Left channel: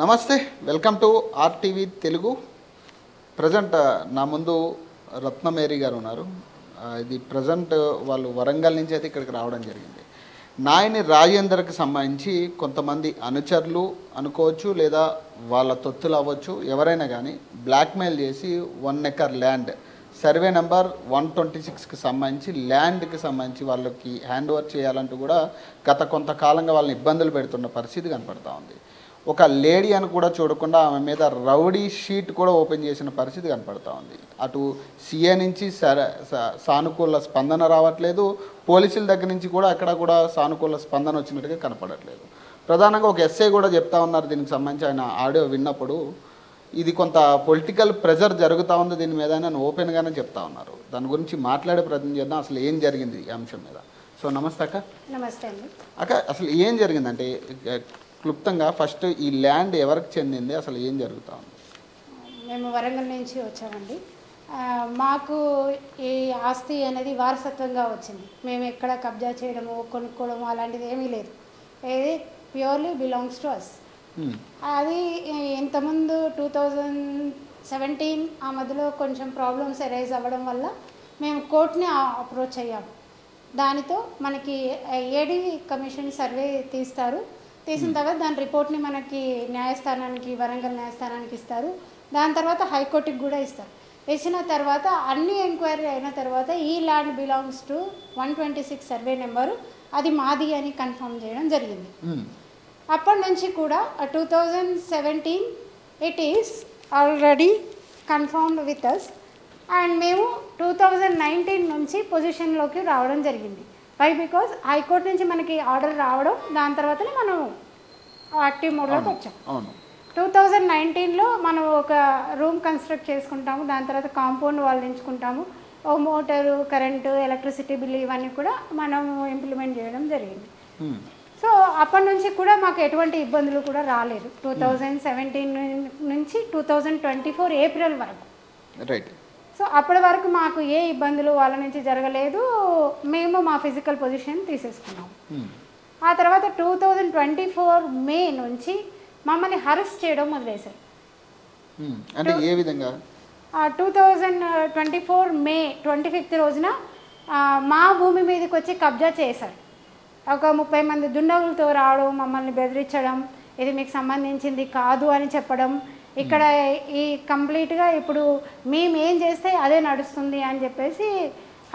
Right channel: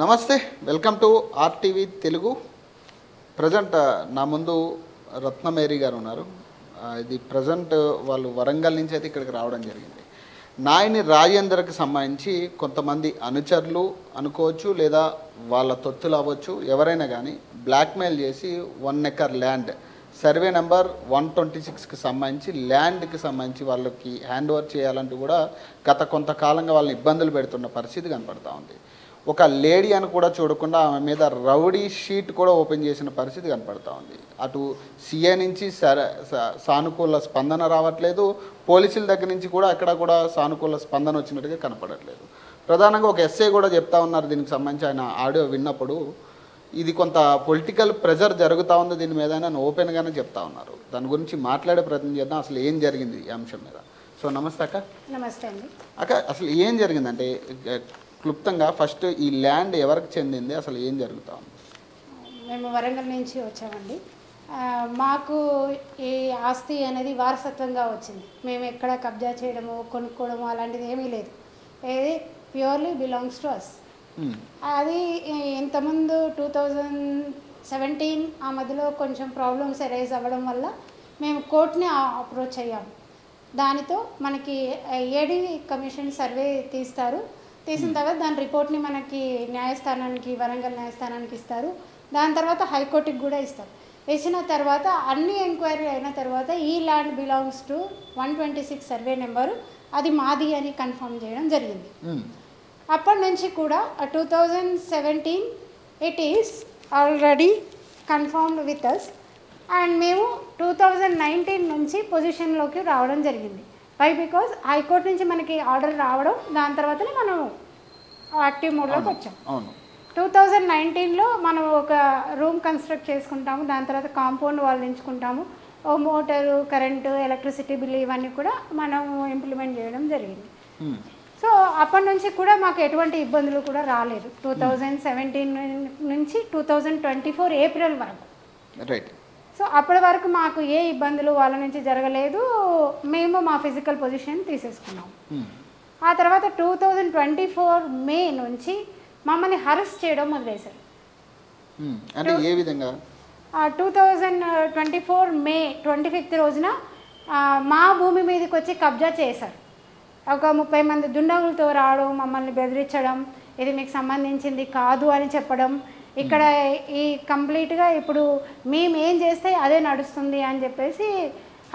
నమస్తే, welcome to RTV Telugu. Present నా ముందు రత్నమేరి గారు ఉన్నారు. ప్రజెంట్ వాళ్ళు వరంగల్ నుంచి అయితే ఇక్కడికి రావడం జరిగింది. నాయని రాజేందర్కి సంబంధించి కొంతమంది అనుచరులు అనుకోవచ్చు, లేదా వాళ్ళ తొత్తులు అవ్వచ్చు, ఎవరైనా కానీ బ్లాక్మెయిల్ చేసి 1 ఎకర్ ల్యాండ్ సర్వే నెంబర్ 126కి సంబంధించి ల్యాండ్కి సంబంధించి వాళ్ళకి హ్యాండ్ ఓవర్ చేయాలని కూడా గత కొంతకాలంగా వాళ్ళని ఇబ్బందులు పెడుతున్న పరిస్థితి కనపడతాం. ఒక లేడీ అని కూడా చూడకుండా మీద రౌడీ షీట్ కూడా ఓపెన్ చేసిన పరిస్థితి కనపడతా ఉంది. అటు సిఐ నుంచి సానుకూల స్పందన రావట్లేదు, పోలీసుల దగ్గర నుంచి కూడా అక్కడ కూడా సానుకూల స్పందన వచ్చినట్టుగా కనపడట్లేదు. ప్రధానంగా ఒక ఎస్ఐ కూడా చెప్తా ఉన్నారు దీనికి సంబంధించిన ఆడియో విన్నప్పుడు, ఇది కొంత పొలిటికల్ ప్రెజర్ జరుగుతా ఉంది దీని మీద ఓపెన్ గానే చెప్తా ఉన్నారు. దాని గురించి మాట్లాడే ప్రయత్నం చేద్దాం. అసలు ఏం జరిగింది ఈ అంశంలో. సో నమస్తే అక్క. నమస్తే అండి. అక్క, అసలు ఏం జరిగిందండి క్లుప్తంగా? ఫస్ట్ ఈ ల్యాండ్ ఎవరికి చెందింది, అసలు ఏం జరుగుతా? మేము వరంగల్ నుంచి వచ్చామండి. మాకు ఈ ఆస్తి అనేది వారసత్వంగా వచ్చింది. మేము ఎక్కడ కబ్జా చేయడము, కొనుక్కోవడము అలాంటిది ఏమీ లేదు. ఇది ప్యూర్లీ బిలాంగ్స్ టు అస్. అది ఇంతకుముందు 2017 ఆ మధ్యలో కొంచెం ప్రాబ్లమ్స్ అరైజ్ అవ్వడం వల్ల మేము కోర్టుని అప్రోచ్ అయ్యాము. దానితో మనకి ఏడీ కమిషన్ సర్వే తీస్తారు. తీసిన తర్వాత దాని రిపోర్ట్ని మనకి న్యాయస్థానానికి, వరంగల్ న్యాయస్థానానికి ఇస్తారు. దాని తర్వాత హైకోర్టుకి కూడా ఇస్తారు. ఇచ్చిన తర్వాత అన్ని ఎంక్వైరీ అయిన తర్వాత ఈ land belongs to 126 survey number, అది మాది అని కన్ఫర్మ్ చేయడం జరిగింది. అప్పటి నుంచి కూడా 2017 it is already confirmed with us. And మేము 2019 నుంచి పొజిషన్లోకి రావడం జరిగింది. వై? బికాజ్ హైకోర్టు నుంచి మనకి ఆర్డర్ రావడం, దాని తర్వాతనే మనం యాక్టివ్ మోడ్లోకి వచ్చాం. 2019లో మనం ఒక రూమ్ కన్స్ట్రక్ట్ చేసుకుంటాము. దాని తర్వాత కాంపౌండ్ వాళ్ళు ఎంచుకుంటాము. ఓ మోటారు, కరెంటు, ఎలక్ట్రిసిటీ బిల్ ఇవన్నీ కూడా మనం ఇంప్లిమెంట్ చేయడం జరిగింది. సో అప్పటి నుంచి కూడా మాకు ఎటువంటి ఇబ్బందులు కూడా రాలేదు. 2017 నుంచి 2024 ఏప్రిల్ వరకు. సో అప్పటి వరకు మాకు ఏ ఇబ్బందులు వాళ్ళ నుంచి జరగలేదు. మేము మా ఫిజికల్ పొజిషన్ తీసేసుకున్నాము. ఆ తర్వాత 2024 మే నుంచి మమ్మల్ని హరెస్ట్ చేయడం మొదలేశారు. 2024 మే 25th రోజున మా భూమి మీదకి వచ్చి కబ్జా చేశారు. ఒక 30 మంది దుండగులతో రావడం, మమ్మల్ని బెదిరించడం, ఇది మీకు సంబంధించింది కాదు అని చెప్పడం, ఇక్కడ ఈ కంప్లీట్గా ఇప్పుడు మేము ఏం చేస్తే అదే నడుస్తుంది అని చెప్పేసి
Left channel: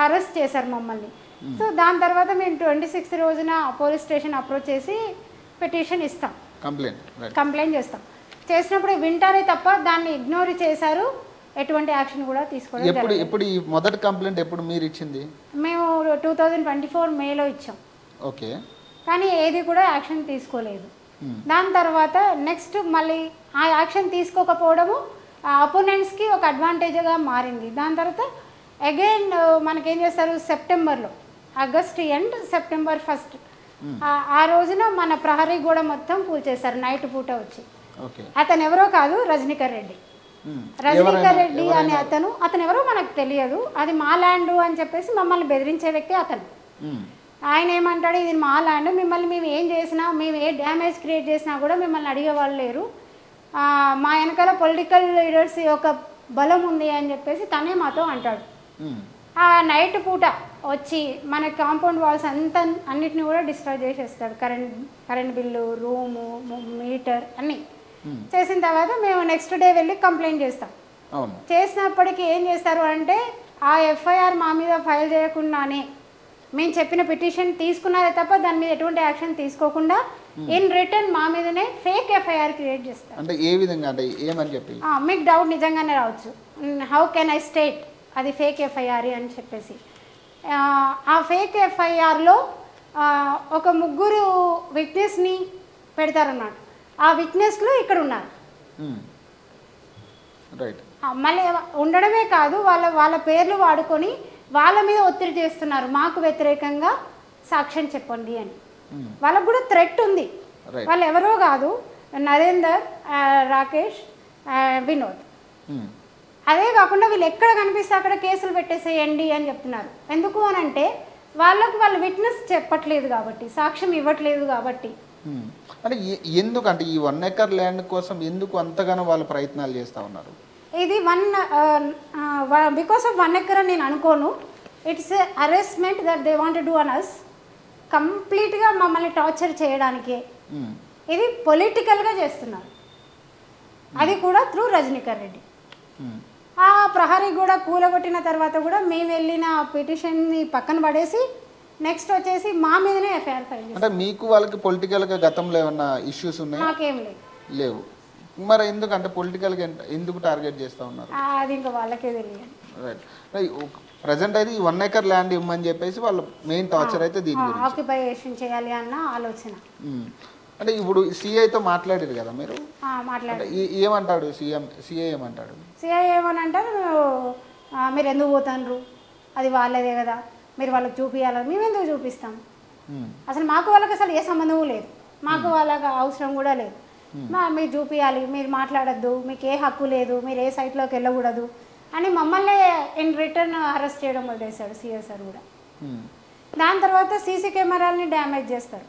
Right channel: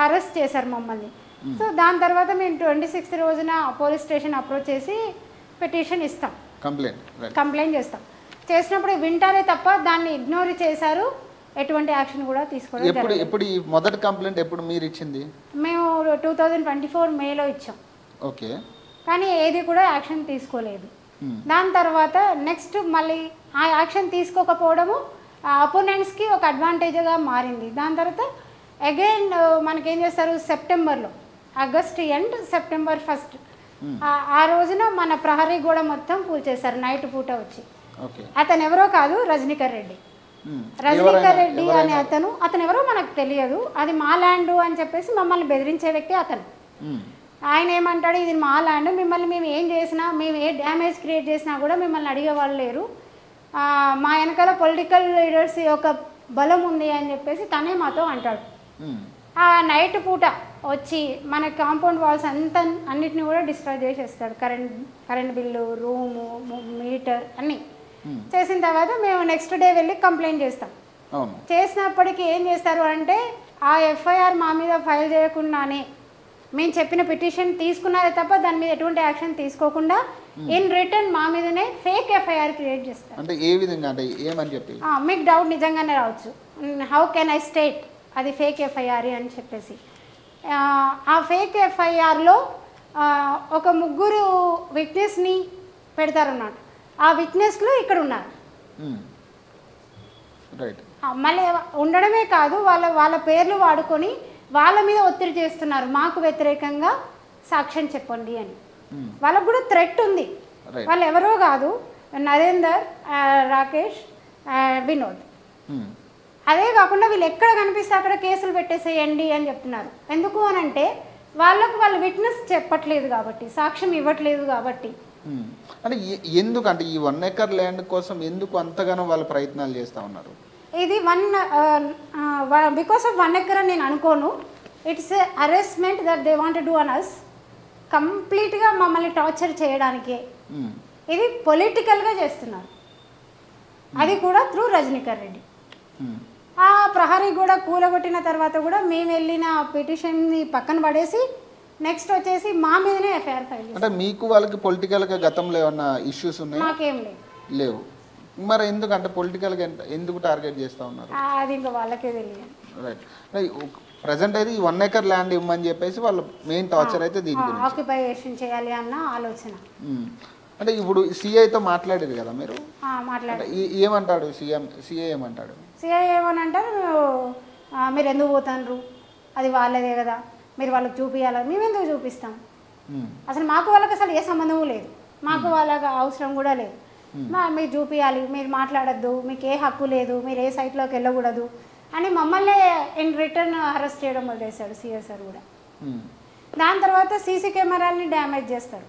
అరెస్ట్ చేశారు మమ్మల్ని. సో దాని తర్వాత మేము 26th రోజున పోలీస్ స్టేషన్ అప్రోచ్ చేసి పిటిషన్ ఇస్తాం, కంప్లైంట్ చేస్తాం. చేసినప్పుడు వింటారే తప్ప దాన్ని ఇగ్నోర్ చేశారు. ఎటువంటి యాక్షన్ కూడా తీసుకోవడం జరగలేదు. మేము 2024 మేలో ఇచ్చాం, కానీ ఏది కూడా యాక్షన్ తీసుకోలేదు. దాని తర్వాత నెక్స్ట్ మళ్ళీ ఆ యాక్షన్ తీసుకోకపోవడము అపోనెంట్స్కి ఒక అడ్వాంటేజ్గా మారింది. దాని తర్వాత అగైన్ మనకేం చేస్తారు, సెప్టెంబర్లో, ఆగస్ట్ ఎండ్ సెప్టెంబర్ 1 ఆ రోజున మన ప్రహరీ గోడ మొత్తం కూల్చేశారు నైట్ పూట వచ్చి. అతను ఎవరో కాదు, రజనీకర్ రెడ్డి. రజనీకర్ రెడ్డి అనే అతను ఎవరో మనకు తెలియదు. అది మా ల్యాండ్ అని చెప్పేసి మమ్మల్ని బెదిరించే వ్యక్తి అతను. ఆయన ఏమంటాడు, ఇది మా ల్యాండ్, మిమ్మల్ని మేము ఏం చేసినా, మేము ఏ డ్యామేజ్ క్రియేట్ చేసినా కూడా మిమ్మల్ని అడిగేవాళ్ళు లేరు, మా వెనకాల పొలిటికల్ లీడర్స్ యొక్క బలం ఉంది అని చెప్పేసి తనే మాతో అంటాడు. ఆ నైట్ పూట వచ్చి మన కాంపౌండ్ వాల్స్ అన్నిటిని కూడా డిస్ట్రాయ్ చేసేస్తాడు. కరెంట్ బిల్లు, రూము, మీటర్ అన్నీ చేసిన తర్వాత మేము నెక్స్ట్ డే వెళ్ళి కంప్లైంట్ చేస్తాం. చేసినప్పటికీ ఏం చేస్తారు అంటే, ఆ ఎఫ్ఐఆర్ మా మీద ఫైల్ చేయకుండానే మేము చెప్పిన పిటిషన్ తీసుకున్నారే తప్ప దాని మీద ఎటువంటి యాక్షన్ తీసుకోకుండా ఇన్ రిటర్న్ మా మీదనే ఫేక్ ఎఫ్ఐఆర్ క్రియేట్ చేస్తారు. మీకు డౌట్ నిజంగానే రావచ్చు, హౌ కెన్ ఐ స్టేట్ అది ఫేక్ ఎఫ్ఐఆర్ అని చెప్పేసి. ఆ ఫేక్ ఎఫ్ఐఆర్లో ఒక 3 విట్నెస్ని పెడతారన్నమాట. ఆ విట్నెస్లు ఇక్కడ ఉన్నారు. మళ్ళీ ఉండడమే కాదు, వాళ్ళ పేర్లు వాడుకొని వాళ్ళ మీద ఒత్తిడి చేస్తున్నారు, మాకు వ్యతిరేకంగా సాక్ష్యం చెప్పండి అని. వాళ్ళకు కూడా థ్రెట్ ఉంది. వాళ్ళు ఎవరో కాదు, నరేందర్, రాకేష్, వినోద్. అదే కాకుండా వీళ్ళు ఎక్కడ కనిపిస్తే అక్కడ కేసులు పెట్టేసేయండి అని చెప్తున్నారు. ఎందుకు అనంటే వాళ్ళు విట్నెస్ చెప్పట్లేదు కాబట్టి, సాక్ష్యం ఇవ్వట్లేదు కాబట్టి. అంటే ఎందుకంటే ఈ 1 acre ల్యాండ్ కోసం ఎందుకు అంతగానో వాళ్ళు ప్రయత్నాలు చేస్తా ఉన్నారు? ఇది బికాస్ ఆఫ్ 1 acre అని నేను అనుకోను. It's harassment that they want do on us. కంప్లీట్గా మమ్మల్ని టార్చర్ చేయడానికే ఇది పొలిటికల్గా చేస్తున్నారు. అది కూడా త్రూ రజనీకర్ రెడ్డి. ఆ ప్రహరీ కూడా కూలగొట్టిన తర్వాత కూడా మేము వెళ్ళిన పిటిషన్ని పక్కన పడేసి నెక్స్ట్ వచ్చేసి మా మీదనే ఎఫ్ఐఆర్ ఫైల్ చేస్తారు. మీకు వాళ్ళకి పొలిటికల్గా గతంలో ఏమన్నా ఇష్యూస్ ఉన్నాయా? మాకేం లేదు. మరి ఎందుకంటే పొలిటికల్గా ఎందుకు టార్గెట్ చేస్తా ఉన్నారు? అది ఇంకా వాళ్ళకే తెలియాలి. ప్రెసెంట్ అయితే 1 acre ల్యాండ్ ఇవ్వమని చెప్పేసి వాళ్ళు మెయిన్ టార్గెట్ అయితే ఆక్యుపేషన్ చేయాలి అన్న ఆలోచన. అంటే ఇప్పుడు సిఐతో మాట్లాడారు కదా మీరు? మాట్లాడారు. ఏమంటారు సిఐ ఏమంటారు? సిఐ ఏమని అంటారు, మీరు ఎందుకు పోతారు, అది వాళ్ళదే కదా, మీరు వాళ్ళకి చూపించాలి. మేము ఎందుకు చూపిస్తాం? అసలు మాకు వాళ్ళకి అసలు ఏ సంబంధము లేదు, మాకు వాళ్ళకి అవసరం కూడా లేదు. మీరు చూపించాలి, మీరు మాట్లాడద్దు, మీకు ఏ హక్కు లేదు, మీరు ఏ సైట్లోకి వెళ్ళకూడదు అని మమ్మల్ని ఇన్ రిటర్న్ అరెస్ట్ చేయడం వదిలేశాడు సిఐ సార్ కూడా. దాని తర్వాత సీసీ కెమెరాలని డ్యామేజ్ చేస్తారు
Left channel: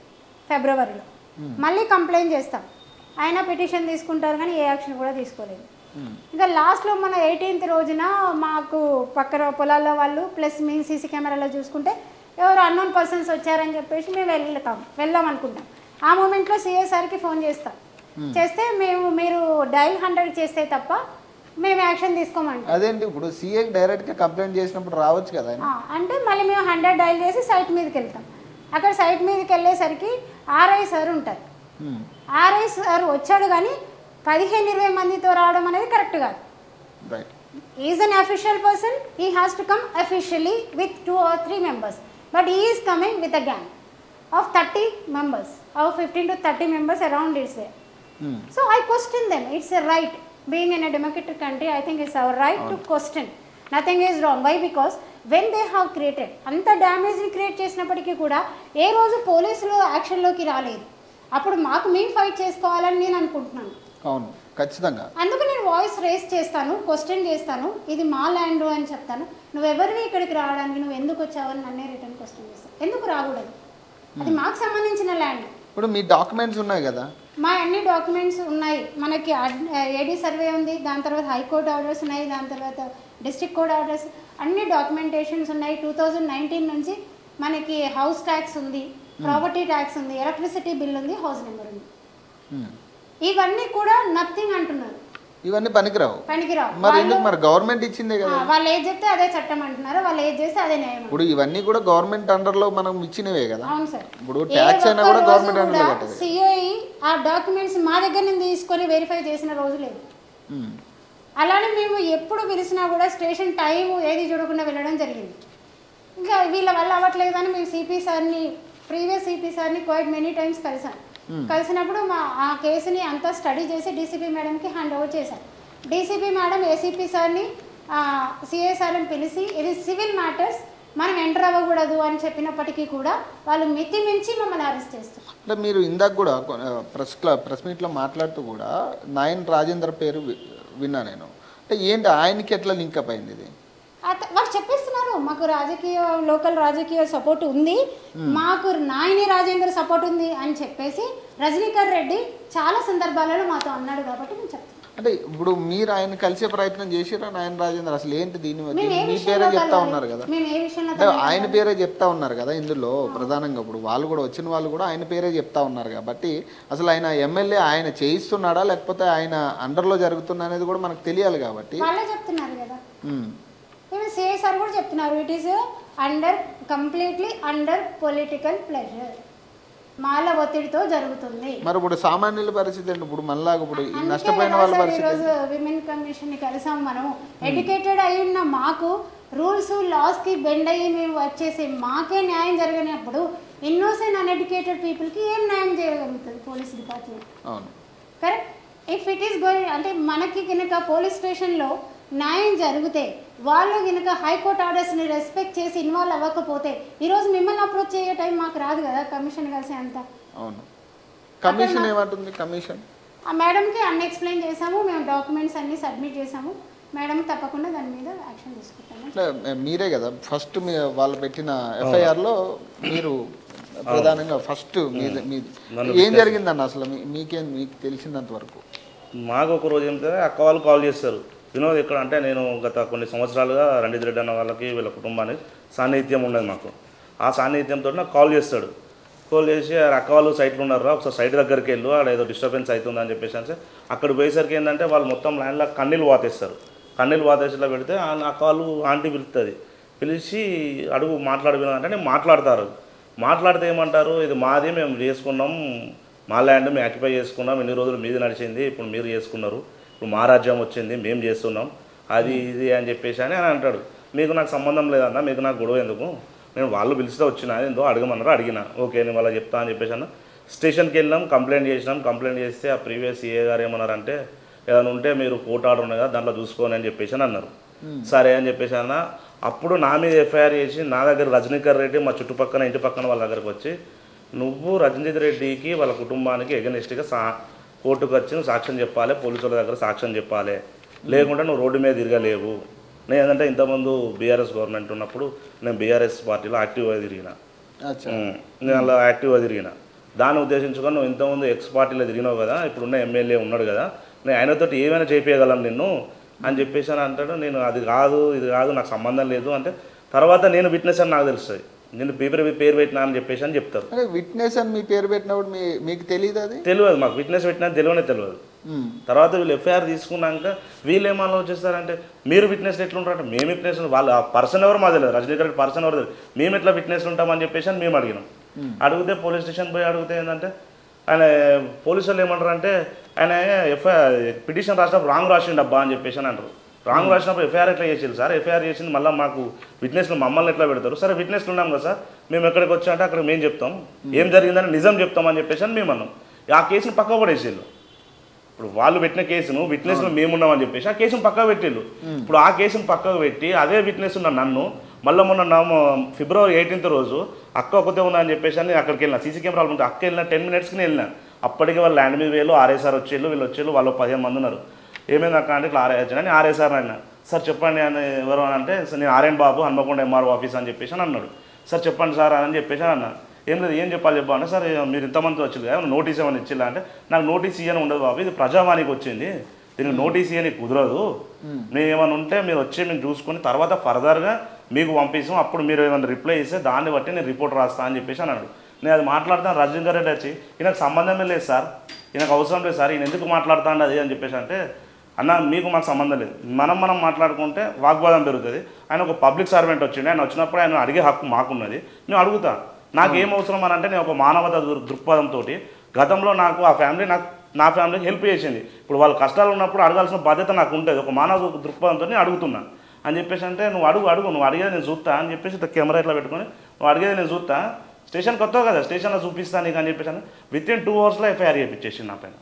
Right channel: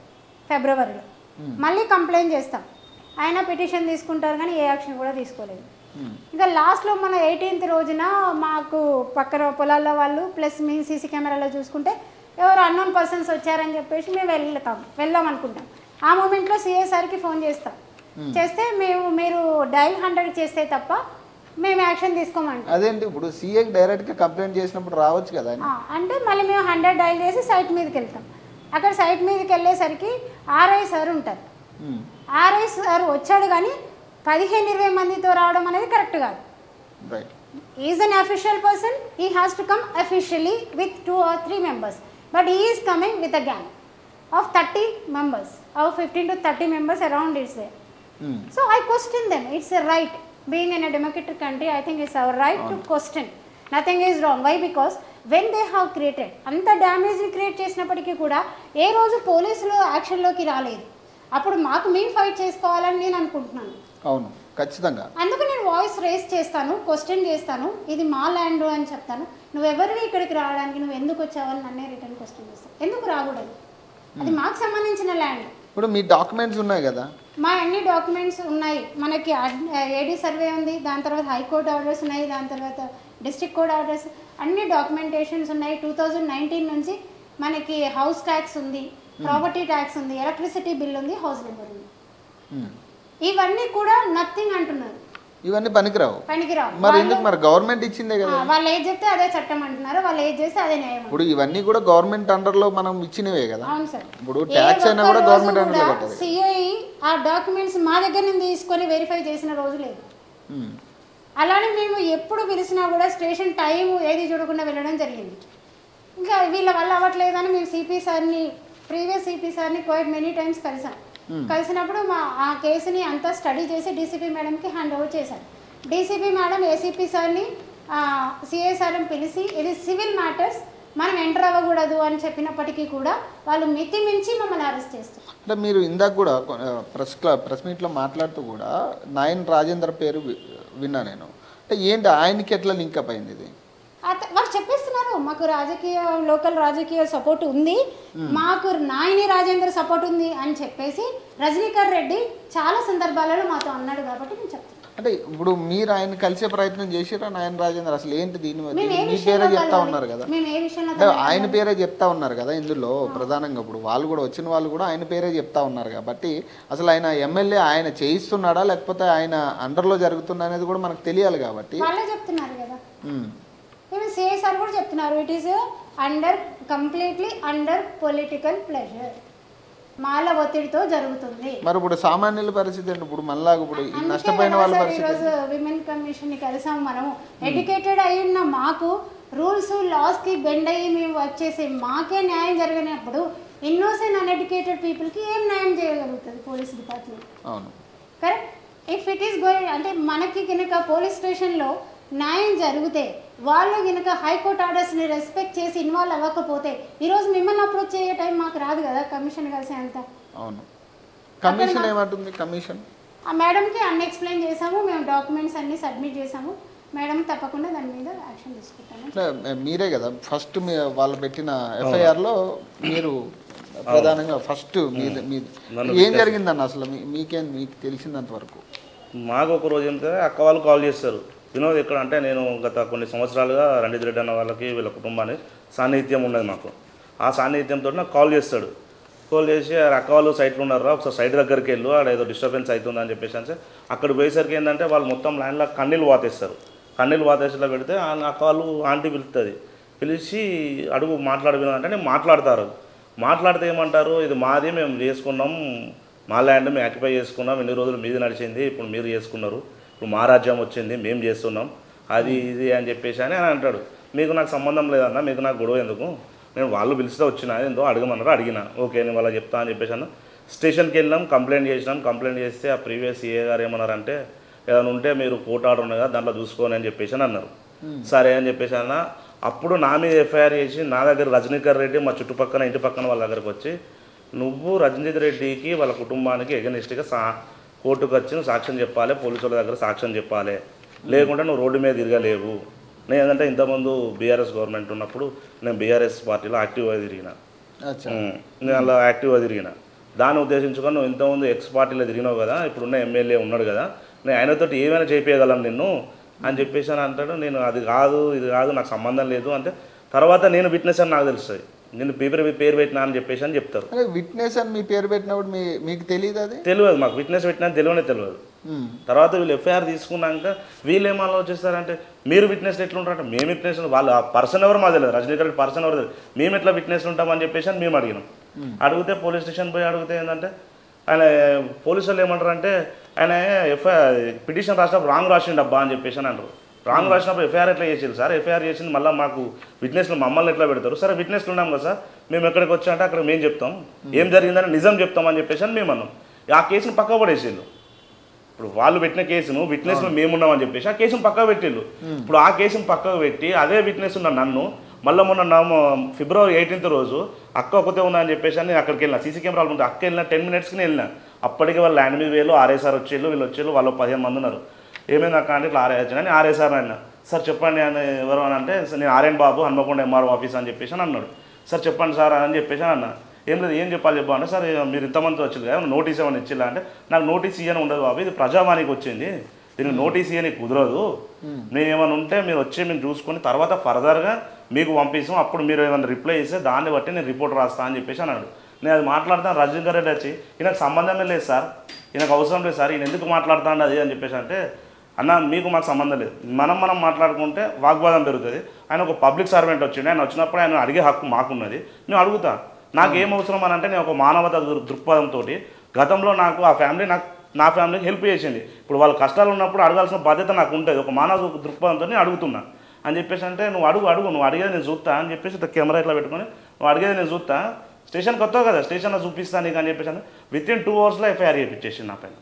ఫిబ్రవరిలో. మళ్ళీ కంప్లైంట్ చేస్తాం, ఆయన పిటిషన్ తీసుకుంటారు కానీ ఏ యాక్షన్ కూడా తీసుకోలేదు. ఇంకా లాస్ట్లో మన 18th రోజున మాకు పక్కన పొలాల్లో వాళ్ళు ప్లస్ మేము సీసీ కెమెరాలో చూసుకుంటే ఎవరు అన్నోన్ పర్సన్స్ వచ్చారని చెప్పేసి మేము వెళ్దాం అనుకుంటాం. ఆ మూమెంట్లో సిఎస్ఆర్కి ఫోన్ చేస్తే మీరు డైల్ 100 చేస్తే తప్ప మేము యాక్షన్ తీసుకోమంటాం. అంటే మళ్ళీ మేము 100 డైల్ చేసి సైట్ మీదకి వెళ్తాం. అక్కడ సైట్ మీదకి వెళ్ళేసరికి ఆర్ఐ సార్ ఉంటారు. ఆర్ఐ సార్ వచ్చాడు కానీ 15-20 మందితో రావడం అనేది కరెక్ట్ కాదు. Is an official person, he has to come officially with 2 or 3 members, but he is coming with a gang of 30 members, or 15 to 30 members around is there. So I question them. It's a right. Being in a democratic country, I think it's our right to question. Nothing is wrong. Why? Because when they have created anta damage ni create చేసినప్పటికీ కూడా ఏ రోజు పోలీసులు యాక్షన్లోకి రాలేదు. అప్పుడు మాకు మేము fight చేసుకోవాలని నేను అనుకుంటున్నాను. అందుకు నేను వాయిస్ రేస్ చేస్తాను, క్వశ్చన్ చేస్తాను, ఇది మా ల్యాండ్ అని చెప్తాను. నువ్వెవరివి ఇక్కడికి రావడానికి, నువ్వు ఎందుకు వచ్చావని నన్నే రిటర్న్ క్వశ్చన్ చేస్తాను. ఎందుకు రాకూడదు? అది మాకు సంబంధించిన ల్యాండ్. మా అన్ని డాక్యుమెంట్స్ ఉన్నాయి. మనకి ఏడీ సర్వే ఉంది, దాని తర్వాత హైకోర్టు ఆర్డర్స్ ఉన్నాయి, దాని తర్వాత డిస్ట్రిక్ట్ కోర్ట్ ఆర్డర్స్, అన్ని డాక్యుమెంటేషన్స్ ఉన్నాయి. 2019 నుంచి మనకి హౌస్ ట్యాక్స్ ఉంది, ప్రాపర్టీ ట్యాక్స్ ఉంది, ఎలక్ట్రిసిటీ బిల్ ఉంది, హౌస్ నెంబర్ ఉంది. ఇవన్నీ కూడా నథింగ్ అంటున్నారు, పనికిరావు. వాళ్ళు ఏది చెప్తే అదే చట్టం అంటున్నారు, వాళ్ళు ఏది చేస్తే అదే న్యాయం అంటున్నారు. అవును సార్. ఏ ఒక్క రోజు కూడా సిఐ ఆ డాక్యుమెంట్స్ మా దగ్గర నుంచి తీసుకొని వెరిఫై చేసిన రోజు లేదు. అలానే మేము ఎప్పుడు పిలిచినా కూడా స్టేషన్ టైం ఏది చూడకుండా వెళ్ళడం జరిగింది. ఇంకా వీళ్ళ వల్ల అవ్వట్లేదని మేము సిపి సార్ని, ప్రీవియస్ సిపి సార్ని క్వైట్ మెనీ టైమ్స్ కలిసినప్పుడు ఆ కేసుని అంతా స్టడీ చేసి డీసీపీ మేడంకి హ్యాండ్ ఓవర్ చేశారు. డీసీపీ మేడం ఏసీపీ సార్ని, సిఐ సార్ని పిలిచి ఇది సివిల్ మ్యాటర్స్, మనం ఎంటర్ అవ్వకూడదు అని చెప్పినప్పటికీ కూడా వాళ్ళు మితి మించి మమ్మల్ని అరెస్ట్ చేస్తారు. వాళ్ళు చెప్పేస్తున్నారు, మాకు లోకల్ రాజకీయ సపోర్ట్ ఉంది, మాకు నాయని రాజేందర్ సపోర్ట్ ఉంది అని చెప్పేసి రజనీకర్ రెడ్డి చాలా సందర్భాలలో మాతో అన్నాడు. కాబట్టి మేము చెప్తున్నాం. మేము ఏ విషయంలో కలవాలి, మేము ఏ విషయంలో తనని కలవాలి? వాళ్ళే చెప్తున్నారు కదా. మేము సిఐ సార్ కూడా చెప్తున్నారు, it is completely under political pressure, Mala ఒత్తిడితో జరుగుతుంది. అందుకే కదా సార్ ఈరోజు విమెన్ కమిషన్ని కలిసాం. మనము ఎడ్యుకేటెడ్ అయి ఉన్న మాకు రూల్స్ లాస్కి బెండ్ అయ్యి మేము వర్క్ చేసి మాకే న్యాయం జరగనప్పుడు ఇన్నోసెంట్ అన్ఎడ్యుకేటెడ్ పీపుల్కి ఏం న్యాయం చేయగలుగుతుంది police department? Correct. If it is going అంటే మనకి కనుక పోలీస్ స్టేషన్లో న్యాయం జరిగితే, వాళ్ళు కనుక హైకోర్టు ఆర్డర్స్ని రెస్పెక్ట్ చేసి ఇన్వాల్వ్ అవ్వకపోతే ఈరోజు మిమ్మల్ని అప్రోచ్ చేయ టైం మాకు రాదు కదా కమిషన్ కలిసి అంతా. అక్కడ మాకు ఆ మేడంకి అన్ని ఎక్స్ప్లెయిన్ చేసాము, మేము డాక్యుమెంట్స్ అన్ని సబ్మిట్ చేసాము. మేడం తప్పకుండా దాని మీద యాక్షన్ తీసుకుంటామని నన్ను విట్నెస్. అసలు మీకేం మీకు తెలిసిందంటారు? మాకు ఒక రోజు ఏమిటంటే అక్క వాళ్ళు కాల్ చేస్తారు, వినోద్ ఎక్కడ అంటే, నేను గత కొన్ని సంవత్సరాలుగా రణజిత్ రెడ్డి అన్న వాళ్ళకి వీళ్ళ కుటుంబాన్ని సాన్నిహిత్యం ఉండదు మాకు. ఆ సాన్నిహిత్యంతో నాకు కాల్ చేస్తాడు. కాల్ చేసి అక్క వాళ్ళు సైట్లో ఉన్నారా, ఒకసారి సైట్ దగ్గరికి వెళ్ళు, ఆడ ఏదో డిస్టర్బెన్స్ అవుతుందని చెప్పేసి అంటే అక్కడ పోయేసరికి ఏంటంటే వాళ్ళు మొత్తం లైన్లో కన్నీళ్ళు వాతేస్తారు. కన్నీళ్ళు వాతేసిలా పెడితే అక్క వాళ్ళు ఆంటీ పిలుస్తుంది, పిలిచి అడుగు మాట్లాడబోయినా నేను మాట్లాడతారు. మాట్లాడితే ఏమంటారు, ఇది మాది, మేము చేసుకున్నాం, మా ల్యాండ్ మేము ఆక్యుపై చేసుకున్నాం, ఇన్ని రోజులు మీది నడిచింది, ఇప్పుడు మీరు చేసుకున్నారు, ఇప్పుడు మా రాజ్యం వచ్చింది, మేము చేస్తున్నాం, అది ఇది అని చెప్పేసి అని అంటాడు. మీకు నాకు సంబంధం లేదన్నా, మీకు నాకు గొడవ ఎందుకు, నేను వాళ్ళు పిలిస్తే వచ్చినా, ఏందో అడగమన్నారు, అడిగినా, ఓకే నేను వాళ్ళకి చెప్తా అని చెప్పేసి అన్న. స్టేషన్కి వెళ్ళినాం, కంప్లైంట్ చేసినాం. కంప్లైంట్ చేస్తే ఆ ప్రీవియస్ సిఏ గారు ఏమన్నారంటే, ఏదైనా ఉంటే మీరు కోర్టు ఆర్డర్ ఉన్నాయి కదా దాంట్లో చూసుకోని అని చెప్పేసి అని అన్నారు. సరే అని చెప్పేసి అన్న. అప్పుడు నా మీద ఎఫ్ఐఆర్ చేసి నా దగ్గర రజనీకర్ రెడ్డి మా చుట్టుపక్కల ఇంటి పక్కన వాళ్ళ దగ్గరకు వచ్చి, నువ్వు రజనీత్ రెడ్డికి వాళ్ళ కుటుంబానికి ఎగనిస్ట్గా కోర్టుకు వచ్చి నువ్వు సాక్ష్యం చెప్పాలి, పోలీసుల దగ్గర సాక్ష్యం చెప్పాలి, లేకుంటే నువ్వు రోడ్డు మీద తిరగలేవు. నేను ఏంటంటే ఇంతకుముందు బీఆర్ఎస్ గవర్నమెంట్ ఉన్నప్పుడు నేను బీఆర్ఎస్ పార్టీలో యాక్టివ్గా తిరిగిన, నేను అలా యాక్టివ్గా తిరిగిన. దాన్ని ఉద్దేశించుకొని నువ్వు ఇంతకుముందు ఎక్స్ పార్టీలో తిరిగినావు కదా, ఇప్పుడున్న ఎమ్మెల్యే ఉన్నాడు కదా, నేను ఆయనతో ఏమైనా చేయించగలను నిన్ను అని చెప్పేసి అని అంటాడు. నేను అది కాదు ఇది కాదు నాకు సంబంధం లేదు అంటే, తర్వాత నేను విట్నెస్ అని నాకు తెలుస్తుంది, నేను పేరు పెట్టినా అని చెప్పేసి అని చెప్తారు. తెలియదు మాకు, విట్నెస్ పెట్టినా తెలియదు. తర్వాత వీళ్ళు ఎఫ్ఐఆర్ తీసుకున్నాక వీళ్ళు ఏం ఆలోచిస్తారంటే, మీరు విట్నెస్ ఎట్లుంటారంటే, మేము విట్నెస్ వాళ్ళు ఆ పర్సన్ ఎవరు మాకు తెలియదు, రజనీకర్ రెడ్డి పర్సన్ ఎవరు తెలియదు, మేము ఎట్లా విట్నెస్ ఉంటామని చెప్పేసి అని మేము అడిగినాం. అడిగితే పోలీస్ స్టేషన్ పోయి అడిగితే ఏంటంటే, ఆయన పోలీసు వాళ్ళు ఏమంటారంటే, ఆయన పిటిషన్ రాసినప్పుడు రాంగ్ రాసిండు అబ్బా అని చెప్పేసి అని అంటారు. రాంగ్ రాసినప్పుడు ఎఫ్ఐఆర్ ఎట్లా చేసింది సార్, ఎఫ్ఐఆర్ చేసింది మళ్ళీ మాకు విట్నెస్లు మమ్మల్ని ఎట్లా పెడతారు, సరే విట్నెస్లు ఉన్నాం కదా సార్, మేము ఎక్కడికి వచ్చామంటే అక్కడ మేము చెప్తాం, ఏం జరిగిందని నిజం చెప్తామని చెప్పేసి అని మేము అన్నాం. ఆ కేసును పక్క పడేసేళ్ళు. ఇప్పుడు వాళ్ళు పెట్టిన కేసును విట్నెస్లో మేమున్నామని చెప్పేసి ఆ కేసును పక్కకు పెట్టిళ్ళు. ఇప్పుడు ఆ కేసును పక్కకు పెట్టి అదే విట్నెస్ ఉన్న నన్ను మళ్ళీ మొన్న ఫిబ్రవరి 18th రోజు అక్క ఒకతే ఉన్నా అని చెప్పేసి అని అక్కడికి వెళ్ళిన, సీసీ కెమెరాలు ఉంటే అక్క వెళ్ళిన 10 minutesకి వెళ్ళిన. అప్పటికే వాళ్ళు ల్యాండ్ మీద వేలు ఆర్ఐసార్ వచ్చేళ్ళు, వీళ్ళు వచ్చేళ్ళు, వాళ్ళు 15 మంది ఉన్నారు. ఏమైంది అక్క అంటే ఇట్లా ఆర్ఐ ఆర్ఐసార్ అయినా, సార్ చెప్పండి అని ఎవరు అని అంటే, నేను ఆర్ఎన్ బాబు హన్మకొండ ఎంఆర్ఓ ఆఫీస్ అని చెప్పేసి అని అన్నాడు. సార్ చెప్పండి సార్ అని చెప్పేసి అని అన్నా. ఏం లేదు, ఏం చెప్పాలి చెప్పా అంటే, సార్ మీరు ఇంతమంది వచ్చింది కదా నోటీస్ ఏమైనా ఇచ్చిల్లా అంటే, నాకు నోటీస్ ఇయ్యని ఉండదు బాబు, ఇది ప్రజావానికి వచ్చింది, దీనికి నోటీస్ ఇయ్యని కుదరదు, మేము ఏమైనా ఉంటే మీరు వచ్చి మేము చూసుకొని తర్వాత ఫర్దర్గా మీకు పంపిస్తాం, అప్పుడు మీరు ఏమైనా రిప్లై ఇస్తే దాన్ని బట్టి నేను రిపోర్ట్ రాస్తా అని చెప్పేసి అన్నాడు. నేను అది మాట్లాడతాను, రజనీకర్ రెడ్డి వచ్చి ఈయనకు సంబంధమే లేదు సార్, ఈయనకు అవసరం లేదు సార్, ఈయన ఎందుకు మాట్లాడుతాండి అది అని చెప్పేసి అంటే, అన్న మీకు మాకు సంబంధం లేదు, మనం మాట్లాడుకుంటే వాగ్వాదం పెరుగుతుంది. ఆయన ఒక పబ్లిక్ సర్వెంట్ వచ్చిండు, ఆయన వచ్చినప్పుడు ఆయన అడిగే హక్కు మాకున్నది, నేను అడుగుతా, నాకేం అవసరం అని అంటే, నేను ఒక మానవత దృక్పథంతో గతంలో నాకు ఆ ఫ్యామిలీ నా ఫ్యామిలీకి హెల్ప్ చేసింది, ఇప్పుడు వాళ్ళ కష్టాలు ఉన్నప్పుడు అడగాల్సిన బాధ్యత నాకు ఉంటుంది, ఒక మానవ దృక్పథంతో నేను అడుగుతున్నా అని చెప్పేసి అంటే, నువ్వు అడుగు నువ్వు అడిగేది నేను చూస్తా అని చెప్పేసి కెమెరా ఇట్లా పెట్టుకొని, నువ్వు అడిగేది నేను చూస్తా, స్టేషన్కి వస్తావు కదా స్టేషన్లో చూపిస్తాను నీకు అని చెప్పేసి అని విత్ ఇన్ 2 hours ఎఫ్ఐఆర్ చేయించేసి నా పైన.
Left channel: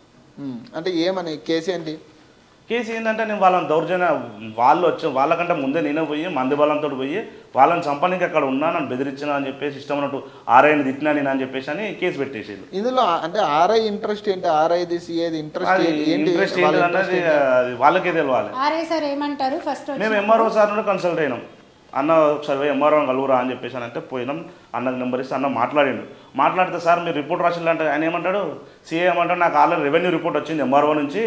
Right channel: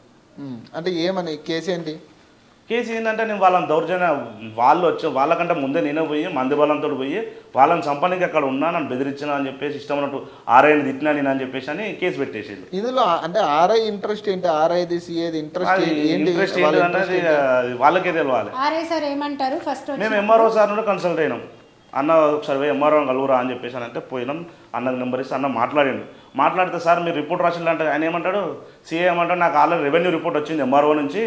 కేసు ఏంటంటే, నేను వాళ్ళని దౌర్జన్యం వాళ్ళు వచ్చి వాళ్ళకంటే ముందే నేనే పోయి మంది బలంతో పోయి వాళ్ళని చంపడానికి అక్కడ ఉన్నా, నన్ను బెదిరించినా అని చెప్పేసి ఇష్టం ఉన్నట్టు ఆర్ఐని తిట్టినా నేను అని చెప్పేసి అని కేసు పెట్టేసేళ్ళు. అది ఇంట్రెస్ట్ ఏంటిది అనేది వాళ్ళకే తెలియాలి. మేము ఎంఆర్ఓ సార్ నుండి కన్సల్ట్ అయినాం, అన్న ఒకసారి పోయి ఎంఆర్ఓ కలుగురా అని చెప్పేసి అని అంటే పోయినాం. అన్నకు నెంబర్ ఇస్తే అన్న మాట్లాడిండు. మాట్లాడితే సార్ మీరు రిపోర్ట్ రాసిందంటే ఆయన ఏమంటాడు, సీఏ ఏమంటాడు, నాకు ఆల్రెడీ రెవెన్యూ రిపోర్ట్ వచ్చింది ఎంఆర్ఓ నుంచి,